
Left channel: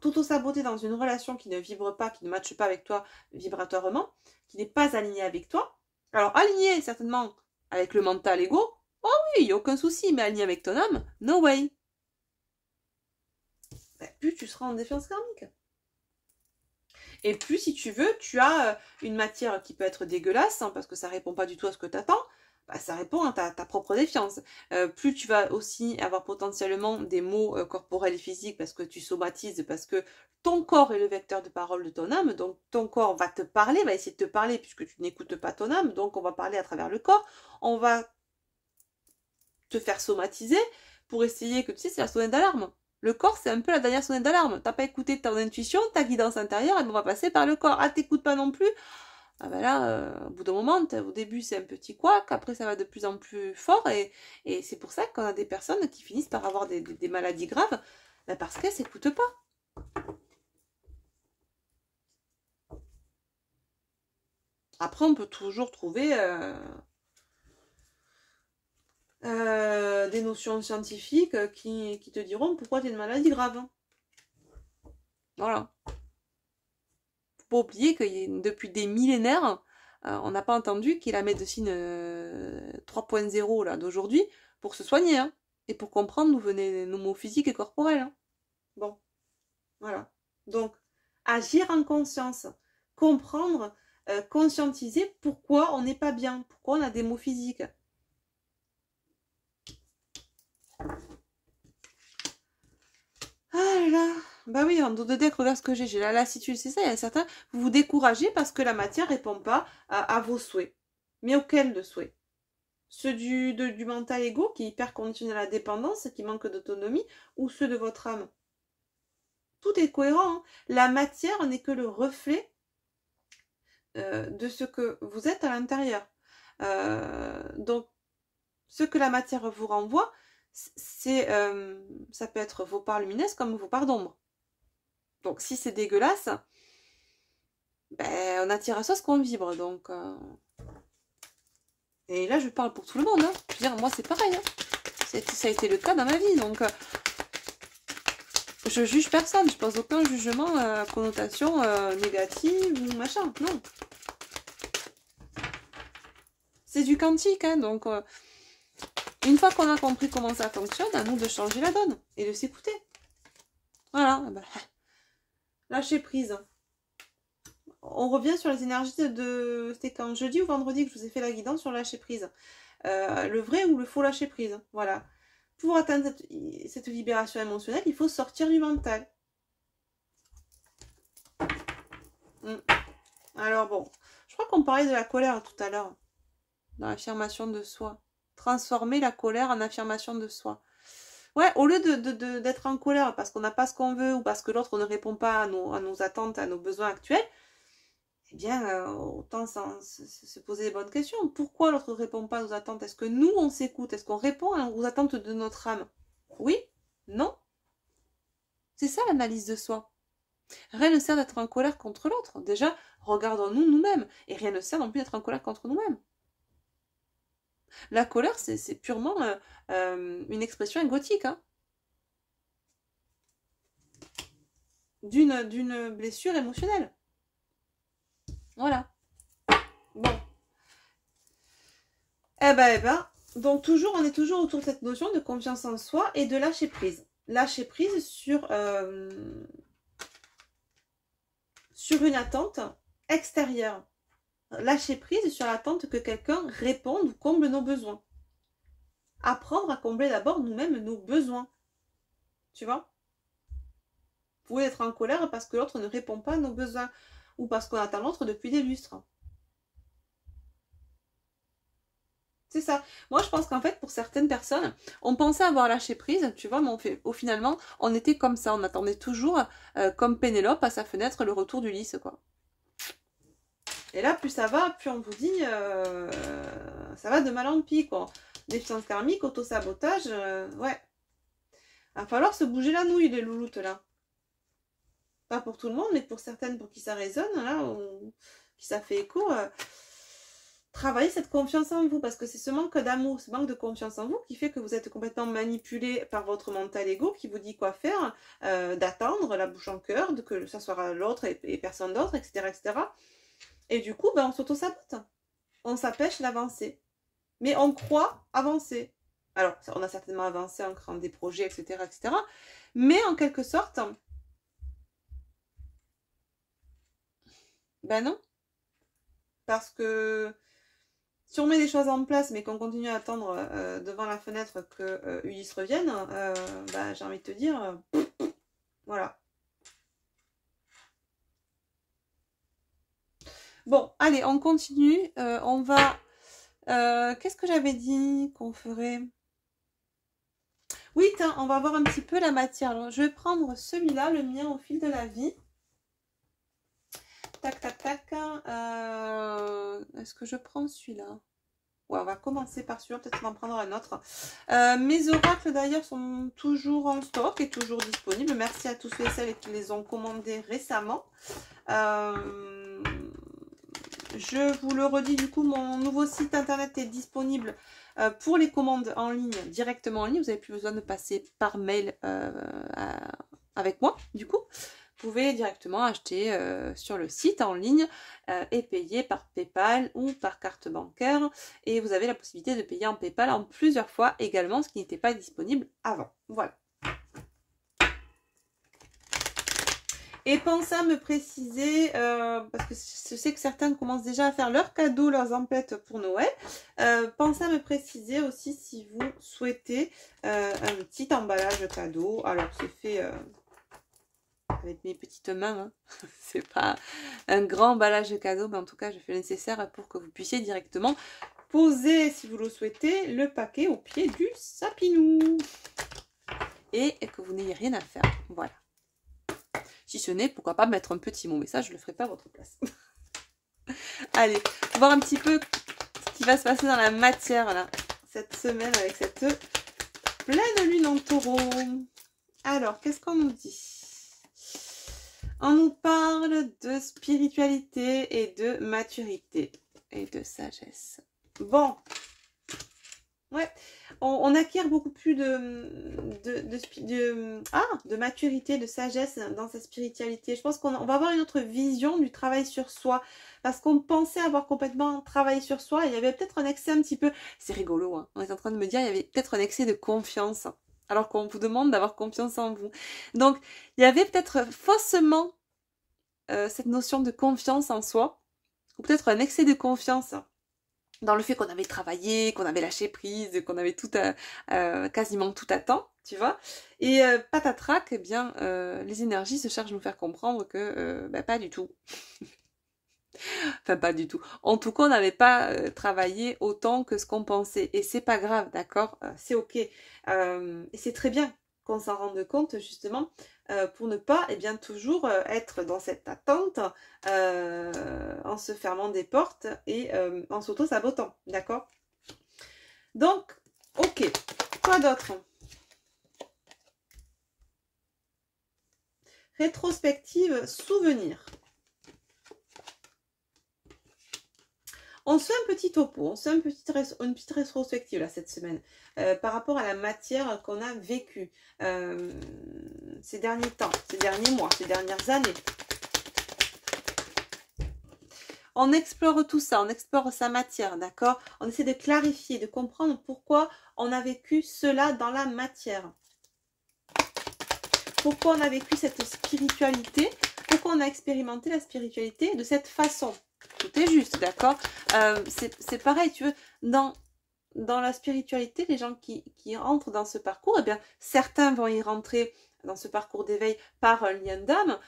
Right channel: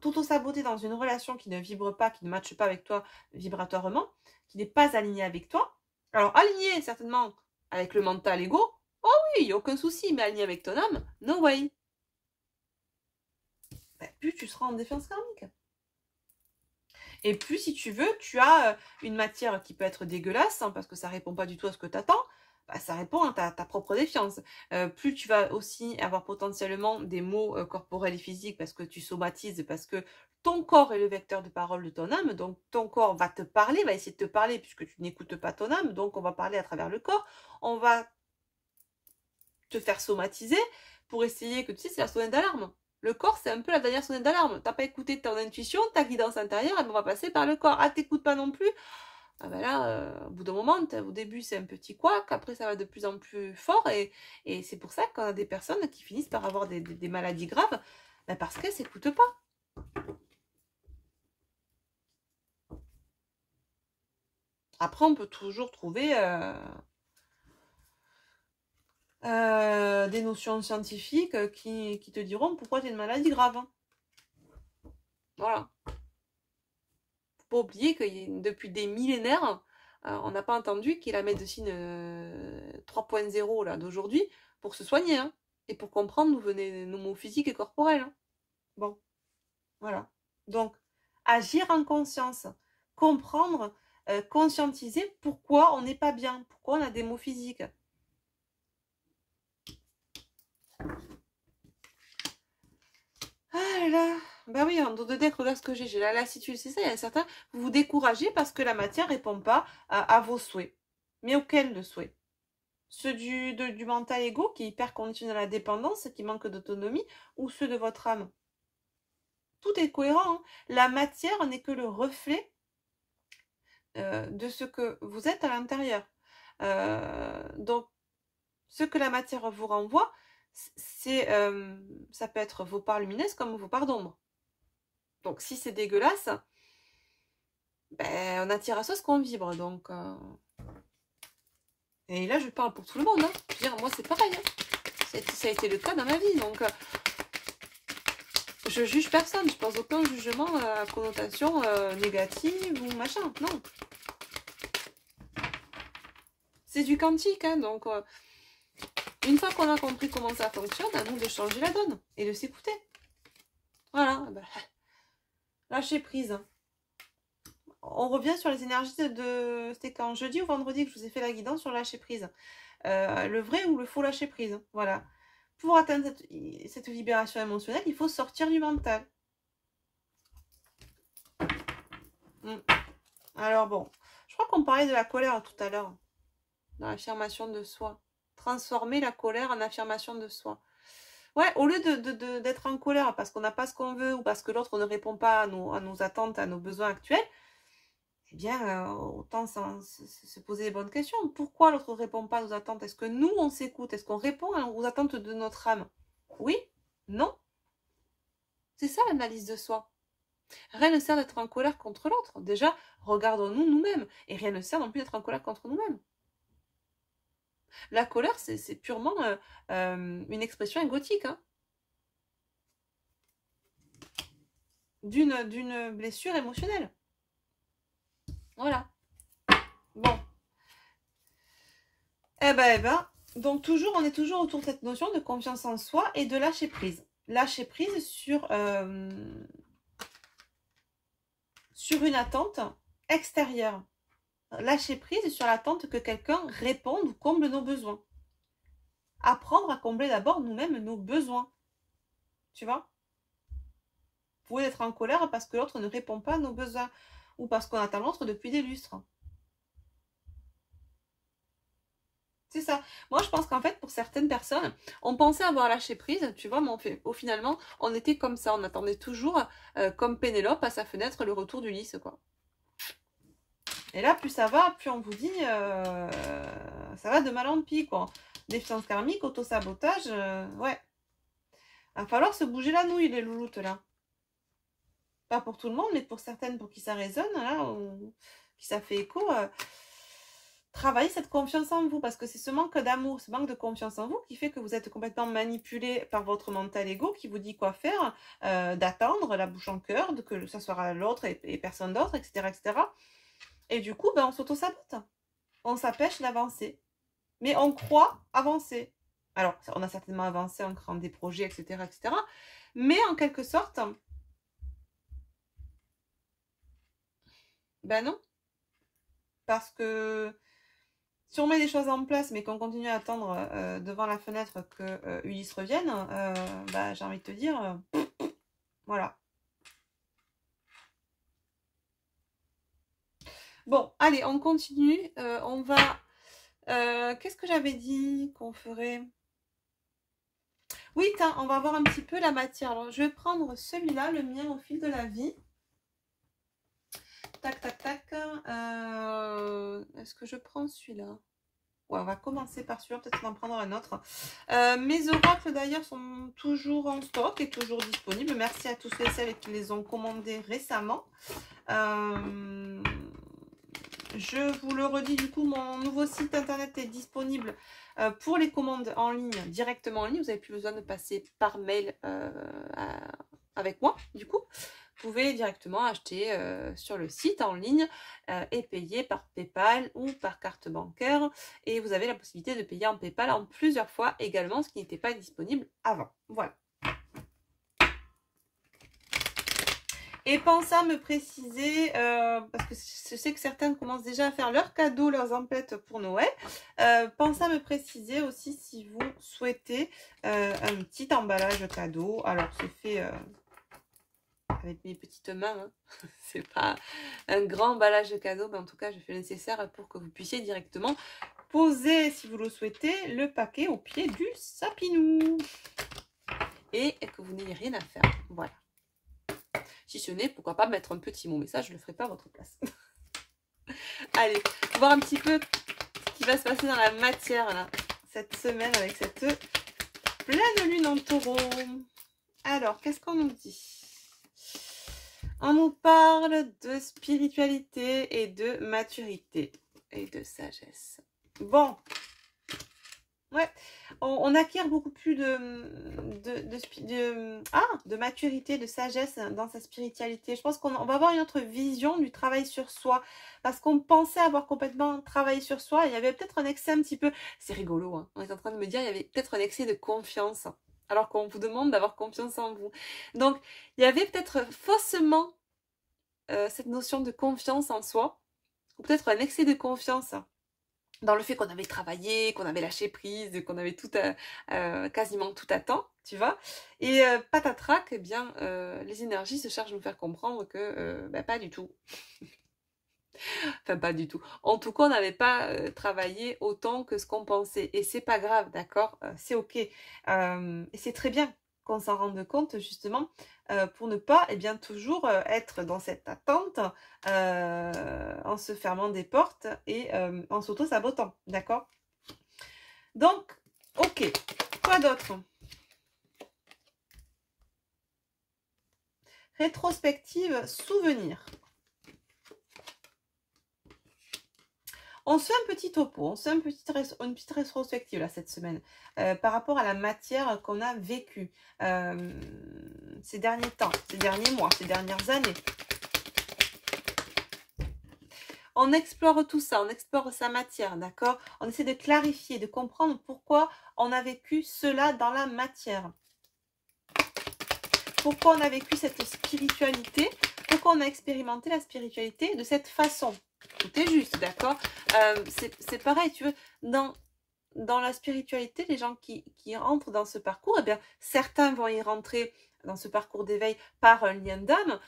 t'auto-saboter dans une relation qui ne vibre pas, qui ne matche pas avec toi vibratoirement, qui n'est pas alignée avec toi, alors aligné certainement avec le mental ego, oh oui, il n'y a aucun souci, mais aligné avec ton âme, no way. Ben, plus tu seras en défiance karmique. Et plus, si tu veux, tu as une matière qui peut être dégueulasse, hein, parce que ça ne répond pas du tout à ce que tu attends, bah, ça répond à ta propre défiance. Plus tu vas aussi avoir potentiellement des maux corporels et physiques, parce que tu somatises, parce que ton corps est le vecteur de parole de ton âme, donc ton corps va te parler, va essayer de te parler, puisque tu n'écoutes pas ton âme, donc on va parler à travers le corps, on va te faire somatiser pour essayer que, tu sais, c'est la sonnette d'alarme. Le corps, c'est un peu la dernière sonnette d'alarme. T'as pas écouté ton intuition, ta guidance intérieure, et on va passer par le corps. Ah, t'écoutes pas non plus. Ah ben là, au bout d'un moment, au début c'est un petit couac, après ça va de plus en plus fort, et c'est pour ça qu'on a des personnes qui finissent par avoir des maladies graves, ben parce qu'elles s'écoutent pas. Après, on peut toujours trouver des notions scientifiques qui te diront pourquoi tu as une maladie grave. Voilà. Faut pas oublier que depuis des millénaires, on n'a pas entendu qu'il y ait la médecine 3.0 là d'aujourd'hui pour se soigner, hein, et pour comprendre d'où venaient nos maux physiques et corporels. Hein. Bon, voilà. Donc, agir en conscience, comprendre, conscientiser pourquoi on n'est pas bien, pourquoi on a des maux physiques. Ah là là. Bah oui, en dos de deck, regarde ce que j'ai la lassitude, c'est ça, il y a certains, vous vous découragez parce que la matière ne répond pas à vos souhaits. Mais auquel de souhaits? Ceux du mental égo qui est hyper conditionné à la dépendance, qui manque d'autonomie, ou ceux de votre âme? Tout est cohérent, hein. La matière n'est que le reflet de ce que vous êtes à l'intérieur. Donc, ce que la matière vous renvoie, ça peut être vos parts lumineuses comme vos parts d'ombre. Donc, si c'est dégueulasse, ben, on attire à ça ce qu'on vibre. Donc, et là, je parle pour tout le monde. Hein. Je veux dire, moi, c'est pareil. Hein. Ça a été le cas dans ma vie. Donc, je juge personne. Je pose aucun jugement à connotation négative ou machin. Non. C'est du quantique. Hein, donc, une fois qu'on a compris comment ça fonctionne, à nous de changer la donne et de s'écouter. Voilà. Ben, lâcher prise. On revient sur les énergies de... C'était quand jeudi ou vendredi que je vous ai fait la guidance sur lâcher prise. Le vrai ou le faux lâcher prise. Voilà. Pour atteindre cette libération émotionnelle, il faut sortir du mental. Alors bon, je crois qu'on parlait de la colère tout à l'heure. Dans l'affirmation de soi. Transformer la colère en affirmation de soi. Ouais, au lieu d'être en colère parce qu'on n'a pas ce qu'on veut ou parce que l'autre ne répond pas à nos attentes, à nos besoins actuels, eh bien, autant se poser les bonnes questions. Pourquoi l'autre ne répond pas à nos attentes? Est-ce que nous, on s'écoute? Est-ce qu'on répond aux attentes de notre âme? Oui? Non? C'est ça l'analyse de soi. Rien ne sert d'être en colère contre l'autre. Déjà, regardons-nous nous-mêmes. Et rien ne sert non plus d'être en colère contre nous-mêmes. La colère, c'est purement une expression égotique. Hein, d'une blessure émotionnelle. Voilà. Bon. Eh ben. Donc toujours, on est toujours autour de cette notion de confiance en soi et de lâcher prise. Lâcher prise sur une attente extérieure. Lâcher prise sur l'attente que quelqu'un réponde ou comble nos besoins. Apprendre à combler d'abord nous-mêmes nos besoins. Tu vois? Vous pouvez être en colère parce que l'autre ne répond pas à nos besoins ou parce qu'on attend l'autre depuis des lustres. C'est ça. Moi, je pense qu'en fait, pour certaines personnes, on pensait avoir lâché prise, tu vois, mais finalement, on était comme ça. On attendait toujours, comme Pénélope à sa fenêtre, le retour d'Ulysse, quoi. Et là, plus ça va, plus on vous dit, ça va de mal en pis, quoi. Déficience karmique, auto-sabotage, ouais. Il va falloir se bouger la nouille, les louloutes, là. Pas pour tout le monde, mais pour certaines, pour qui ça résonne, là, ou qui ça fait écho... travaillez cette confiance en vous, parce que c'est ce manque d'amour, ce manque de confiance en vous qui fait que vous êtes complètement manipulé par votre mental ego qui vous dit quoi faire, d'attendre la bouche en cœur, que ça soit l'autre et personne d'autre, etc., etc. Et du coup, ben, on s'auto-sabote. On s'empêche d'avancer. Mais on croit avancer. Alors, on a certainement avancé en créant des projets, etc., etc. Mais en quelque sorte, ben non. Parce que si on met des choses en place, mais qu'on continue à attendre devant la fenêtre que Ulysse revienne, bah, j'ai envie de te dire, voilà. Bon, allez, on continue. On va... qu'est-ce que j'avais dit qu'on ferait? Oui, on va voir un petit peu la matière. Alors, je vais prendre celui-là, le mien au fil de la vie. Tac, tac, tac. Est-ce que je prends celui-là? Ouais, on va commencer par celui-là, peut-être on va en prendre un autre. Mes oracles d'ailleurs sont toujours en stock et toujours disponibles. Merci à tous ceux et celles qui les ont commandés récemment. Je vous le redis, du coup, mon nouveau site internet est disponible pour les commandes en ligne, directement en ligne. Vous n'avez plus besoin de passer par mail avec moi, du coup. Vous pouvez directement acheter sur le site en ligne et payer par PayPal ou par carte bancaire. Et vous avez la possibilité de payer en PayPal en plusieurs fois également, ce qui n'était pas disponible avant. Voilà. Et pensez à me préciser, parce que je sais que certains commencent déjà à faire leurs cadeaux, leurs emplettes pour Noël. Pensez à me préciser aussi si vous souhaitez un petit emballage cadeau. Alors, c'est fait avec mes petites mains. Hein. C'est pas un grand emballage de cadeaux, mais en tout cas, je fais le nécessaire pour que vous puissiez directement poser, si vous le souhaitez, le paquet au pied du sapinou. Et que vous n'ayez rien à faire. Voilà. Si ce n'est, pourquoi pas mettre un petit mot, mais ça, je ne le ferai pas à votre place. Allez, voir un petit peu ce qui va se passer dans la matière, là, cette semaine, avec cette pleine lune en taureau. Alors, qu'est-ce qu'on nous dit? On nous parle de spiritualité et de maturité et de sagesse. Bon, ouais, on acquiert beaucoup plus de maturité, de sagesse dans sa spiritualité. Je pense qu'on va avoir une autre vision du travail sur soi. Parce qu'on pensait avoir complètement travaillé sur soi. Il y avait peut-être un excès un petit peu... C'est rigolo, hein. On est en train de me dire il y avait peut-être un excès de confiance. Alors qu'on vous demande d'avoir confiance en vous. Donc, il y avait peut-être faussement cette notion de confiance en soi. Ou peut-être un excès de confiance dans le fait qu'on avait travaillé, qu'on avait lâché prise, qu'on avait tout quasiment tout à temps, tu vois. Et patatrac, eh bien, les énergies se chargent de nous faire comprendre que pas du tout. Enfin, pas du tout. En tout cas, on n'avait pas travaillé autant que ce qu'on pensait. Et c'est pas grave, d'accord? C'est ok. Et c'est très bien qu'on s'en rende compte, justement, pour ne pas, eh bien, toujours être dans cette attente en se fermant des portes et en s'auto-sabotant, d'accord? Donc, ok. Quoi d'autre? Rétrospective, souvenir. On se fait un petit topo, on se fait une petite rétrospective là, cette semaine par rapport à la matière qu'on a vécue ces derniers temps, ces derniers mois, ces dernières années. On explore tout ça, on explore sa matière, d'accord? On essaie de clarifier, de comprendre pourquoi on a vécu cela dans la matière. Pourquoi on a vécu cette spiritualité, pourquoi on a expérimenté la spiritualité de cette façon. Tout est juste, d'accord? C'est pareil, tu veux, dans la spiritualité, les gens qui rentrent dans ce parcours, eh bien, certains vont y rentrer dans ce parcours d'éveil par un lien d'âme,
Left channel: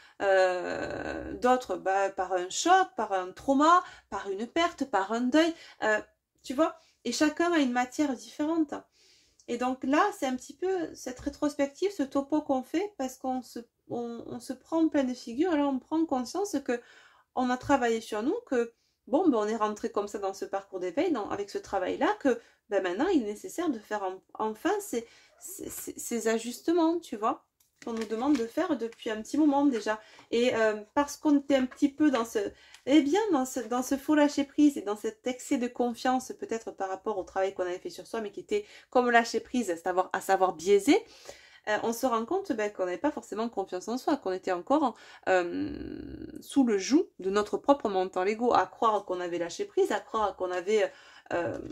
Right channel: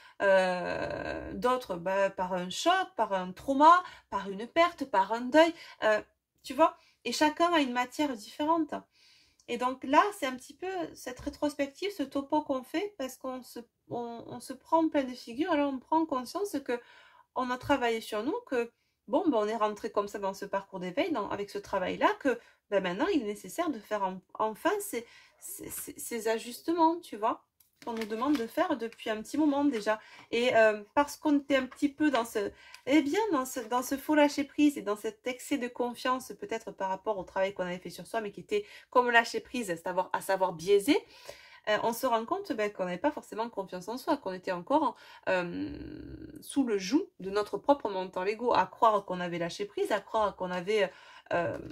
d'autres par un choc, par un trauma, par une perte, par un deuil, tu vois? Et chacun a une matière différente. Et donc là, c'est un petit peu cette rétrospective, ce topo qu'on fait, parce qu'on se prend en pleine figure, alors on prend conscience que on a travaillé sur nous, que bon, on est rentré comme ça dans ce parcours d'éveil, avec ce travail-là, que maintenant il est nécessaire de faire enfin ces ajustements, tu vois, qu'on nous demande de faire depuis un petit moment déjà. Et parce qu'on était un petit peu dans dans ce faux lâcher prise et dans cet excès de confiance, peut-être par rapport au travail qu'on avait fait sur soi, mais qui était comme lâcher prise, à savoir biaisé, on se rend compte qu'on n'avait pas forcément confiance en soi, qu'on était encore sous le joug de notre propre mental ego, à croire qu'on avait lâché prise, à croire qu'on avait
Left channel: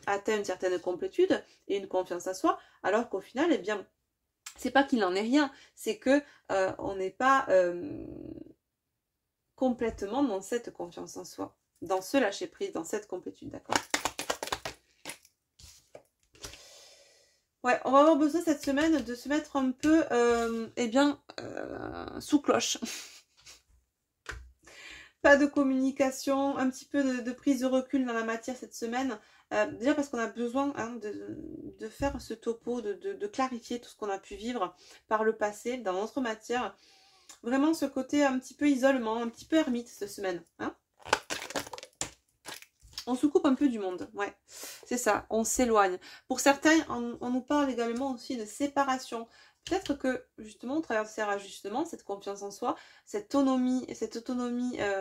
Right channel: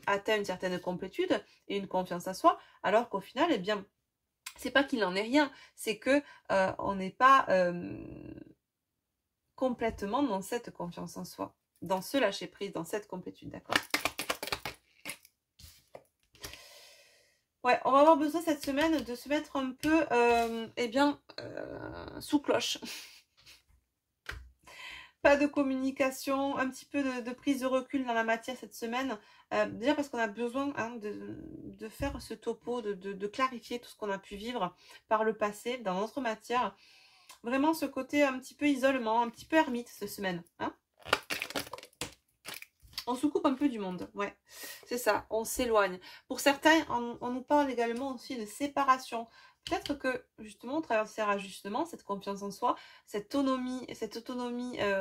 atteint une certaine complétude et une confiance en soi, alors qu'au final, eh bien, c'est pas qu'il n'en est rien, c'est que on n'est pas complètement dans cette confiance en soi, dans ce lâcher prise, dans cette complétude, d'accord? Ouais, on va avoir besoin cette semaine de se mettre un peu, sous cloche. Pas de communication, un petit peu de prise de recul dans la matière cette semaine. Déjà parce qu'on a besoin de faire ce topo, de clarifier tout ce qu'on a pu vivre par le passé dans notre matière. Vraiment ce côté un petit peu isolement, un petit peu ermite cette semaine. Hein, on se coupe un peu du monde, ouais, c'est ça, on s'éloigne. Pour certains, on nous parle également aussi de séparation. Peut-être que, justement, au travers de ces rajustements, cette confiance en soi, cette autonomie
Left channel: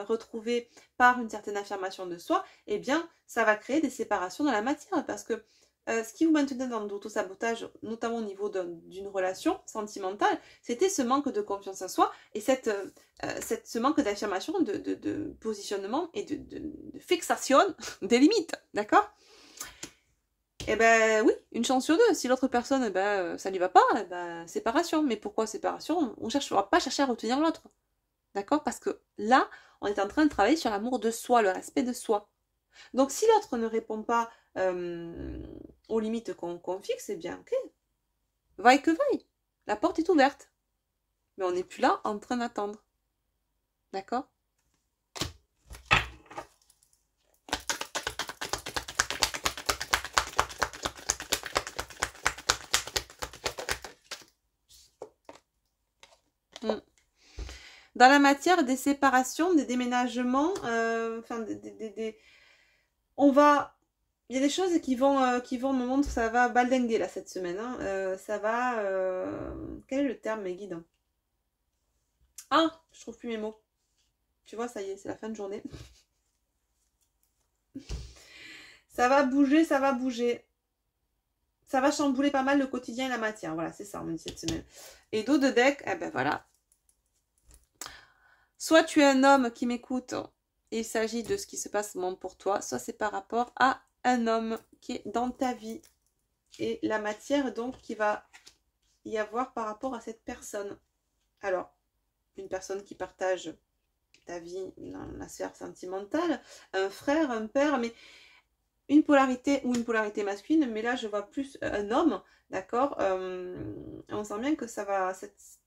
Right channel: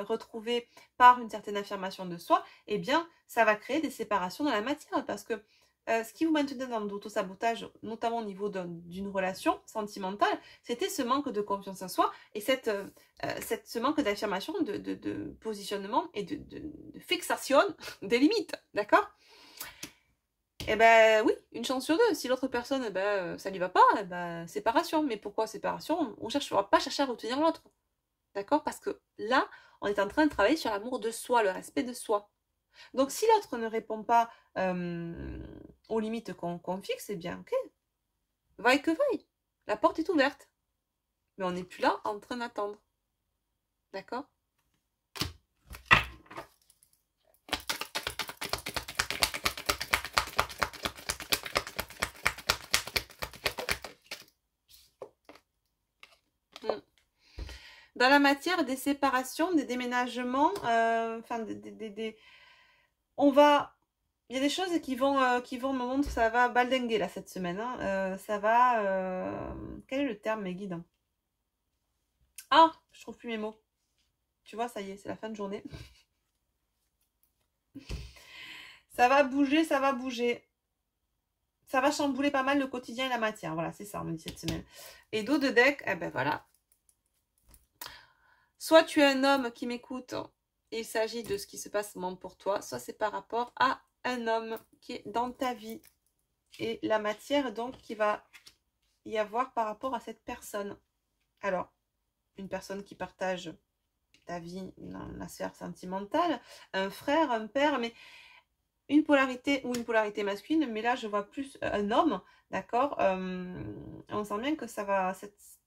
retrouvée par une certaine affirmation de soi, eh bien, ça va créer des séparations dans la matière. Parce que ce qui vous maintenait dans l'auto-sabotage, notamment au niveau d'une relation sentimentale, c'était ce manque de confiance en soi et ce manque d'affirmation, de positionnement et de fixation des limites, d'accord? Eh ben oui, une chance sur deux. Si l'autre personne, ça lui va pas, séparation. Mais pourquoi séparation? On ne va pas chercher à retenir l'autre, d'accord? Parce que là, on est en train de travailler sur l'amour de soi, le respect de soi. Donc si l'autre ne répond pas aux limites qu'on fixe, eh bien ok, vaille que vaille, la porte est ouverte. Mais on n'est plus là en train d'attendre. D'accord? Dans la matière des séparations, des déménagements, enfin, on va... Il y a des choses qui vont me montrer, ça va baldinguer là cette semaine. Hein. Ça va... Quel est le terme, mes guides? Ah, je trouve plus mes mots. Tu vois, ça y est, c'est la fin de journée. Ça va bouger, ça va bouger. Ça va chambouler pas mal le quotidien et la matière. Voilà, c'est ça, on me dit cette semaine. Et dos de deck, eh ben voilà. Soit tu es un homme qui m'écoute, et il s'agit de ce qui se passe au moment pour toi, soit c'est par rapport à un homme qui est dans ta vie. Et la matière, donc, qui va y avoir par rapport à cette personne. Alors, une personne qui partage ta vie dans la sphère sentimentale, un frère, un père, mais une polarité ou une polarité masculine, mais là je vois plus un homme, d'accord. On sent bien que ça va,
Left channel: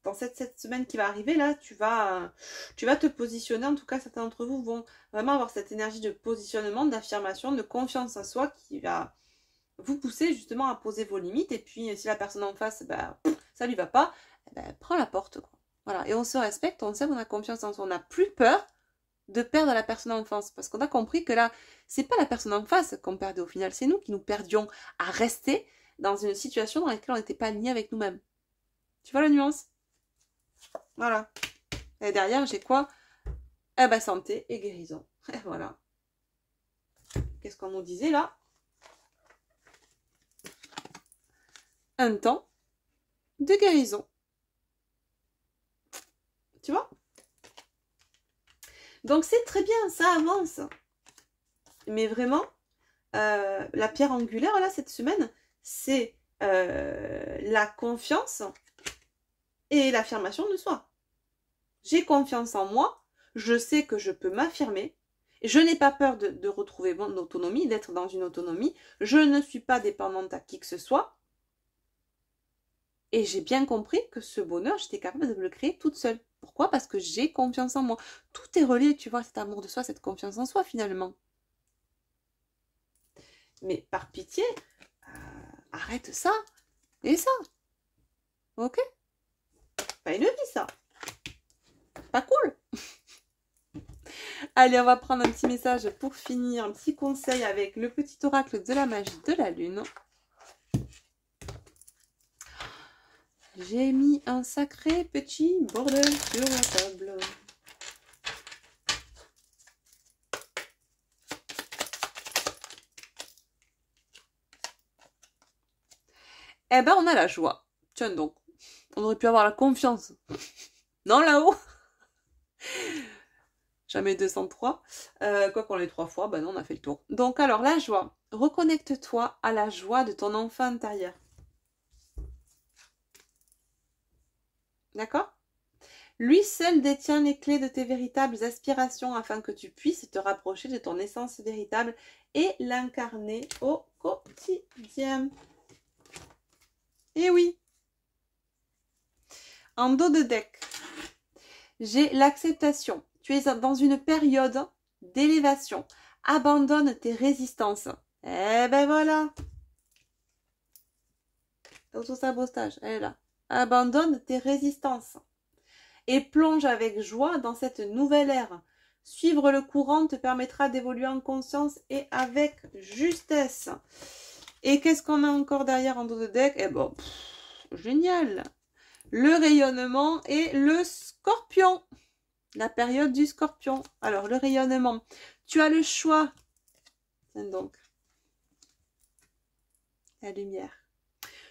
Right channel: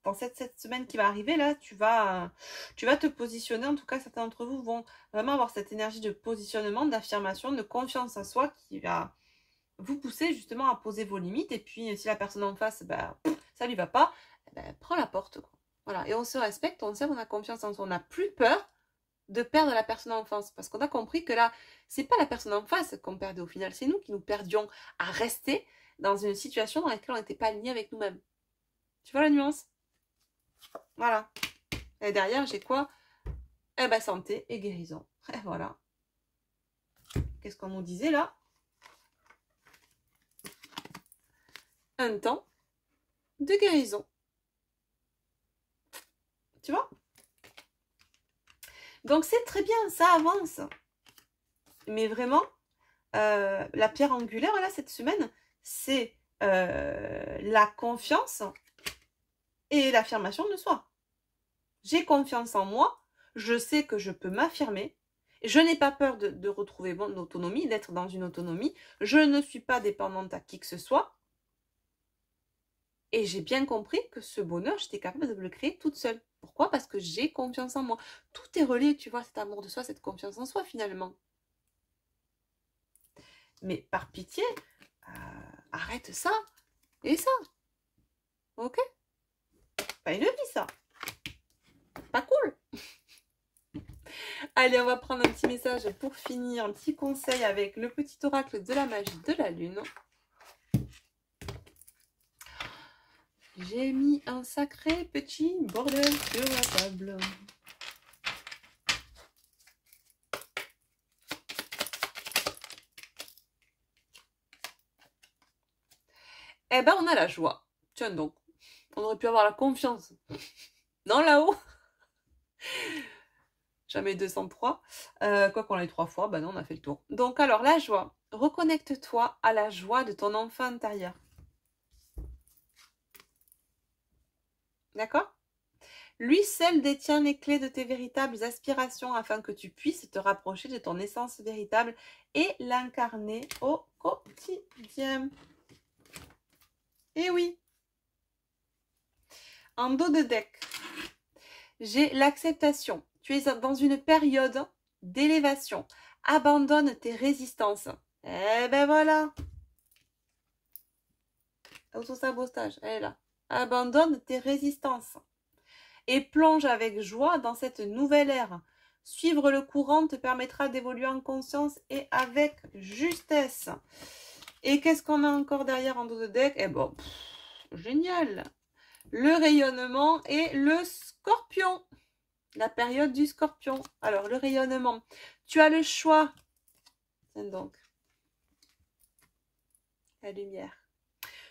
dans cette semaine qui va arriver là, tu vas te positionner, en tout cas certains d'entre vous vont vraiment avoir cette énergie de positionnement, d'affirmation, de confiance en soi qui va vous pousser justement à poser vos limites. Et puis si la personne en face, bah, ça lui va pas, prends la porte, quoi. Voilà, et on se respecte, on sait qu'on a confiance en soi, on n'a plus peur de perdre la personne en face, parce qu'on a compris que là, c'est pas la personne en face qu'on perdait au final, c'est nous qui nous perdions à rester dans une situation dans laquelle on n'était pas aligné avec nous-mêmes. Tu vois la nuance? Voilà. Et derrière, j'ai quoi? Eh ben, santé et guérison. Et voilà. Qu'est-ce qu'on nous disait là? Un temps de guérison. Tu vois? Donc c'est très bien, ça avance. Mais vraiment, la pierre angulaire là cette semaine, c'est la confiance et l'affirmation de soi. J'ai confiance en moi, je sais que je peux m'affirmer, je n'ai pas peur de retrouver mon autonomie, d'être dans une autonomie, je ne suis pas dépendante à qui que ce soit. Et j'ai bien compris que ce bonheur, j'étais capable de le créer toute seule. Pourquoi? Parce que j'ai confiance en moi. Tout est relié, tu vois, cet amour de soi, cette confiance en soi, finalement. Mais par pitié, arrête ça et ça. Ok? Pas une vie, ça. Pas cool. Allez, on va prendre un petit message pour finir, un petit conseil avec le petit oracle de la magie de la lune. J'ai mis un sacré petit bordel sur la table. Eh ben, on a la joie. Tiens donc, on aurait pu avoir la confiance. Non, là-haut. Jamais 203. Quoi qu'on l'ait 3 fois, ben non, on a fait le tour. Donc alors, la joie. Reconnecte-toi à la joie de ton enfant intérieur. D'accord? Lui seul détient les clés de tes véritables aspirations afin que tu puisses te rapprocher de ton essence véritable et l'incarner au quotidien. Et oui. En dos de deck, j'ai l'acceptation. Tu es dans une période d'élévation. Abandonne tes résistances. Eh ben voilà. Auto-sabotage, elle est là. Abandonne tes résistances. Et plonge avec joie dans cette nouvelle ère. Suivre le courant te permettra d'évoluer en conscience et avec justesse. Et qu'est-ce qu'on a encore derrière en dos de deck? Eh bon, génial. Le rayonnement et le scorpion. La période du scorpion. Alors, le rayonnement. Tu as le choix. Donc, la lumière.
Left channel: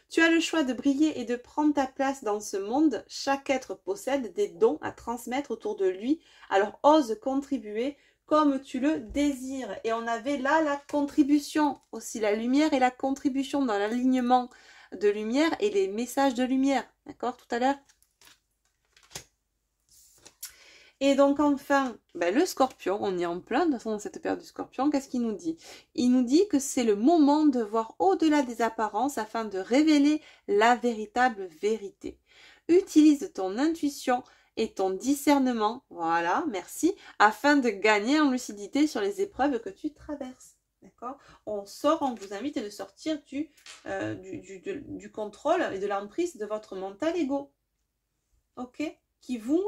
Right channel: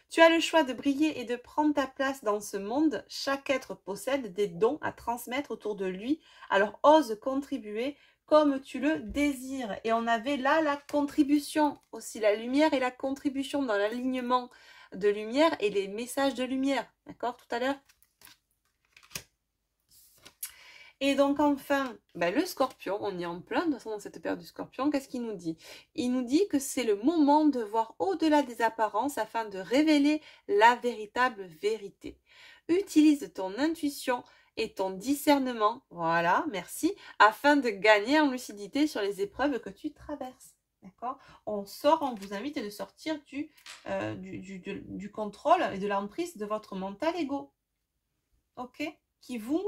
Tu as le choix de briller et de prendre ta place dans ce monde. Chaque être possède des dons à transmettre autour de lui. Alors, ose contribuer comme tu le désires. Et on avait là la contribution aussi. La lumière et la contribution dans l'alignement de lumière et les messages de lumière. D'accord, tout à l'heure? Et donc enfin, ben le scorpion, on est en plein de toute façon dans cette période du scorpion, qu'est-ce qu'il nous dit? Il nous dit que c'est le moment de voir au-delà des apparences afin de révéler la véritable vérité. Utilise ton intuition et ton discernement, voilà, merci, afin de gagner en lucidité sur les épreuves que tu traverses. D'accord? On vous invite à sortir du contrôle et de l'emprise de votre mental ego. Ok? Qui vous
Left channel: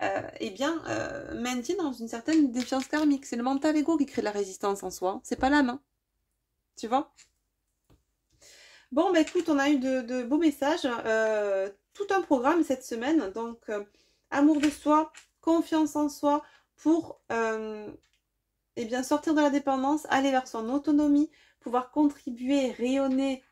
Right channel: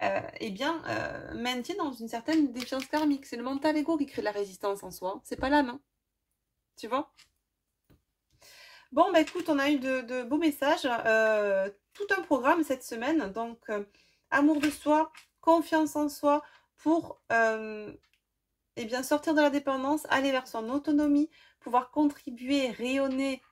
maintient dans une certaine défiance karmique. C'est le mental ego qui crée de la résistance en soi. C'est pas l'âme. Hein. Tu vois? Bon, bah écoute, on a eu de beaux messages. Tout un programme cette semaine. Donc, amour de soi, confiance en soi pour sortir de la dépendance, aller vers son autonomie, pouvoir contribuer, rayonner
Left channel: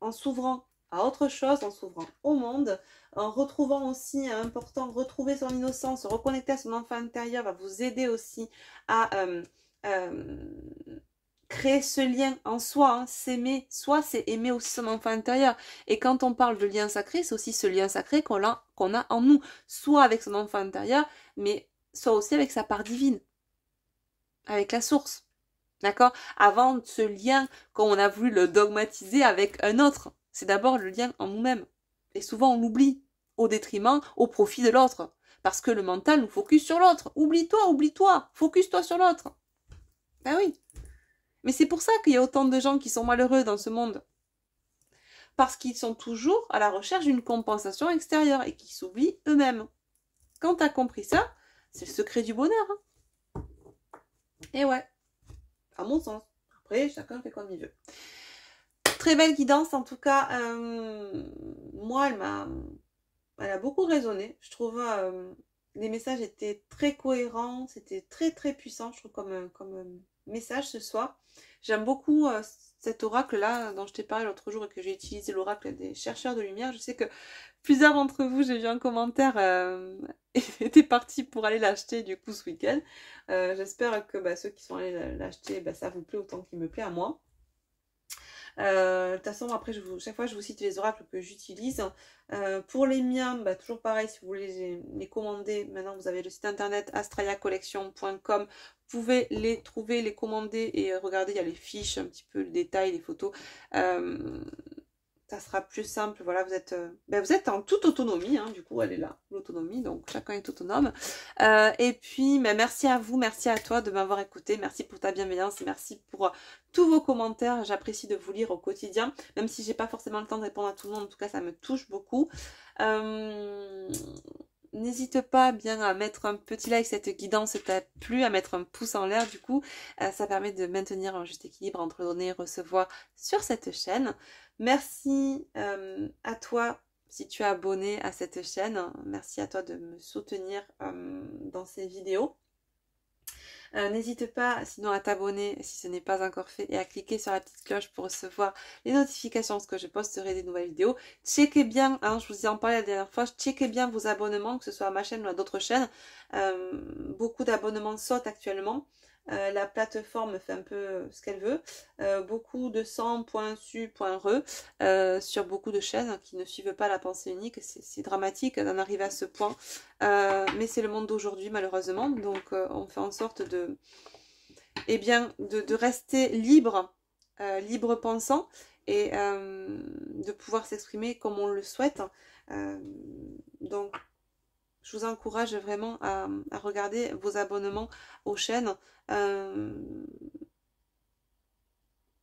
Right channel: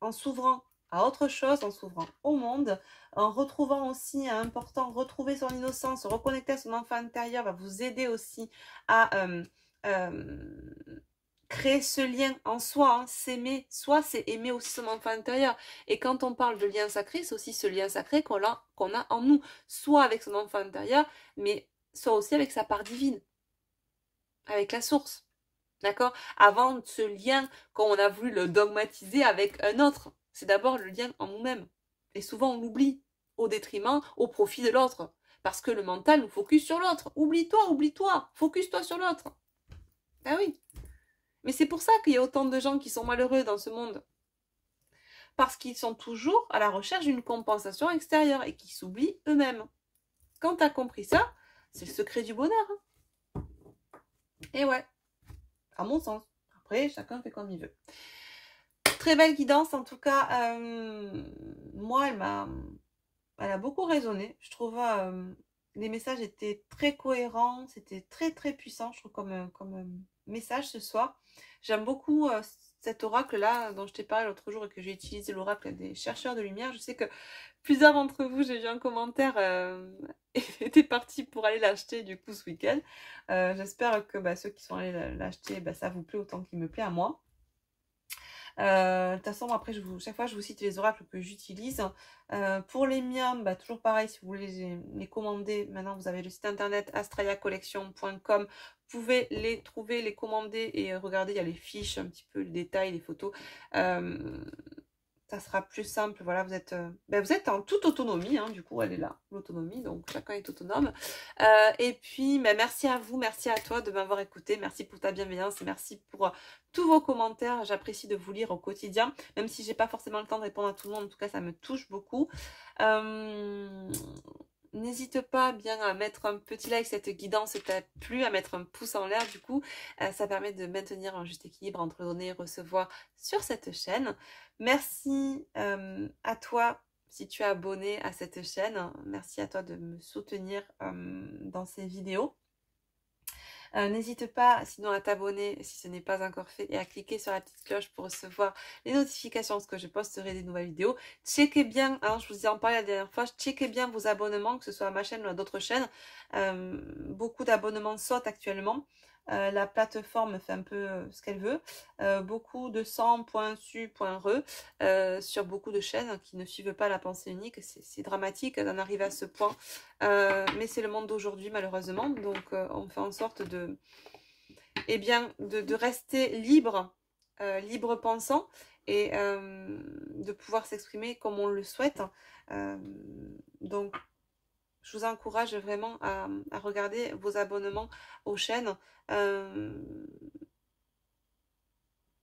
en s'ouvrant à autre chose, en s'ouvrant au monde, en retrouvant aussi, important, retrouver son innocence, se reconnecter à son enfant intérieur va vous aider aussi à créer ce lien en soi, hein, s'aimer. Soi, c'est aimer aussi son enfant intérieur. Et quand on parle de lien sacré, c'est aussi ce lien sacré qu'on a en nous, soit avec son enfant intérieur, mais soit aussi avec sa part divine, avec la source. D'accord? Avant ce lien, quand on a voulu le dogmatiser avec un autre, c'est d'abord le lien en nous-mêmes. Et souvent on l'oublie, au détriment, au profit de l'autre. Parce que le mental nous focus sur l'autre. Oublie-toi, focus-toi sur l'autre. Ben oui. Mais c'est pour ça qu'il y a autant de gens qui sont malheureux dans ce monde. Parce qu'ils sont toujours à la recherche d'une compensation extérieure et qui s'oublient eux-mêmes. Quand tu as compris ça, c'est le secret du bonheur. Hein. Et ouais. À mon sens. Après, chacun fait comme il veut. Très belle guidance, en tout cas. Moi, elle a beaucoup résonné. Je trouve les messages étaient très cohérents. C'était très, très puissant, je trouve, comme message ce soir. J'aime beaucoup cet oracle-là dont je t'ai parlé l'autre jour et que j'ai utilisé, l'oracle des chercheurs de lumière. Je sais que plusieurs d'entre vous, j'ai vu un commentaire, étaient partis pour aller l'acheter du coup ce week-end. J'espère que ceux qui sont allés l'acheter, ça vous plaît autant qu'il me plaît à moi. De toute façon, après, chaque fois, je vous cite les oracles que j'utilise. Pour les miens, toujours pareil, si vous voulez les commander, maintenant vous avez le site internet astrayacollection.com. Vous pouvez les trouver, les commander et regarder, il y a les fiches, un petit peu le détail, les photos. Ça sera plus simple, voilà, vous êtes en toute autonomie, hein, du coup, elle est là, l'autonomie, donc chacun est autonome. Et puis, merci à vous, merci à toi de m'avoir écouté, merci pour ta bienveillance, et merci pour tous vos commentaires, j'apprécie de vous lire au quotidien, même si j'ai pas forcément le temps de répondre à tout le monde, en tout cas, ça me touche beaucoup. N'hésite pas bien à mettre un petit like si cette guidance t'a plu, à mettre un pouce en l'air du coup. Ça permet de maintenir un juste équilibre entre donner et recevoir sur cette chaîne. Merci à toi si tu es abonné à cette chaîne. Merci à toi de me soutenir dans ces vidéos. N'hésite pas sinon à t'abonner si ce n'est pas encore fait et à cliquer sur la petite cloche pour recevoir les notifications lorsque je posterai des nouvelles vidéos. Checkez bien, hein, je vous ai en parlé la dernière fois, checkez bien vos abonnements, que ce soit à ma chaîne ou à d'autres chaînes. Beaucoup d'abonnements sautent actuellement. La plateforme fait un peu ce qu'elle veut. Beaucoup de 100.su.re sur beaucoup de chaînes qui ne suivent pas la pensée unique. C'est dramatique d'en arriver à ce point. Mais c'est le monde d'aujourd'hui malheureusement. Donc on fait en sorte de rester libre, libre pensant et de pouvoir s'exprimer comme on le souhaite. Donc je vous encourage vraiment à regarder vos abonnements aux chaînes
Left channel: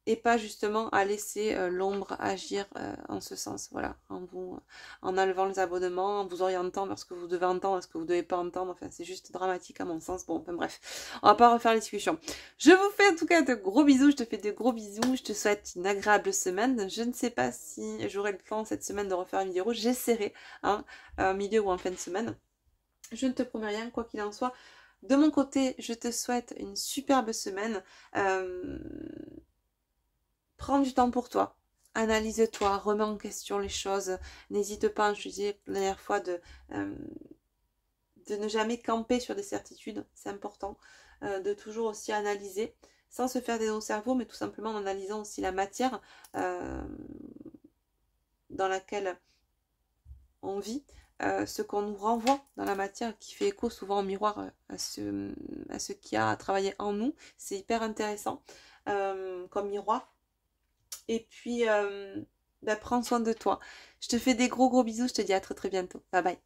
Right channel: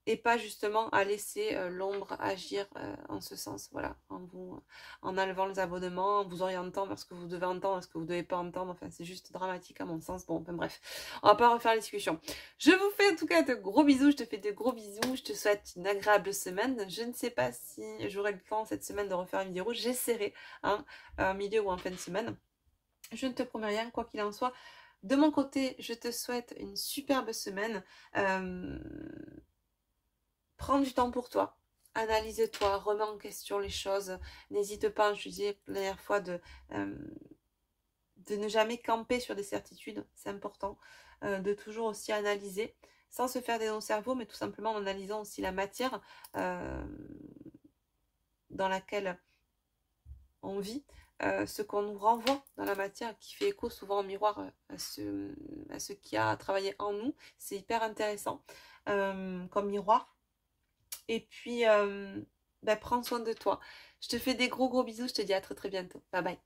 et pas justement à laisser l'ombre agir en ce sens, voilà, en enlevant les abonnements, en vous orientant vers ce que vous devez entendre, ce que vous ne devez pas entendre, enfin c'est juste dramatique à mon sens, bon, enfin bref, on va pas refaire la discussion. Je vous fais en tout cas de gros bisous, je te fais de gros bisous, je te souhaite une agréable semaine, je ne sais pas si j'aurai le temps cette semaine de refaire une vidéo, j'essaierai, hein, en milieu ou en fin de semaine. Je ne te promets rien, quoi qu'il en soit. De mon côté, je te souhaite une superbe semaine. Prends du temps pour toi. Analyse-toi, remets en question les choses. N'hésite pas, je te disais la dernière fois, de ne jamais camper sur des certitudes. C'est important. De toujours aussi analyser, sans se faire des nœuds au cerveau, mais tout simplement en analysant aussi la matière dans laquelle on vit. Ce qu'on nous renvoie dans la matière qui fait écho souvent en miroir à ce qui a travaillé en nous. C'est hyper intéressant comme miroir. Et puis, prends soin de toi. Je te fais des gros bisous. Je te dis à très très bientôt. Bye bye.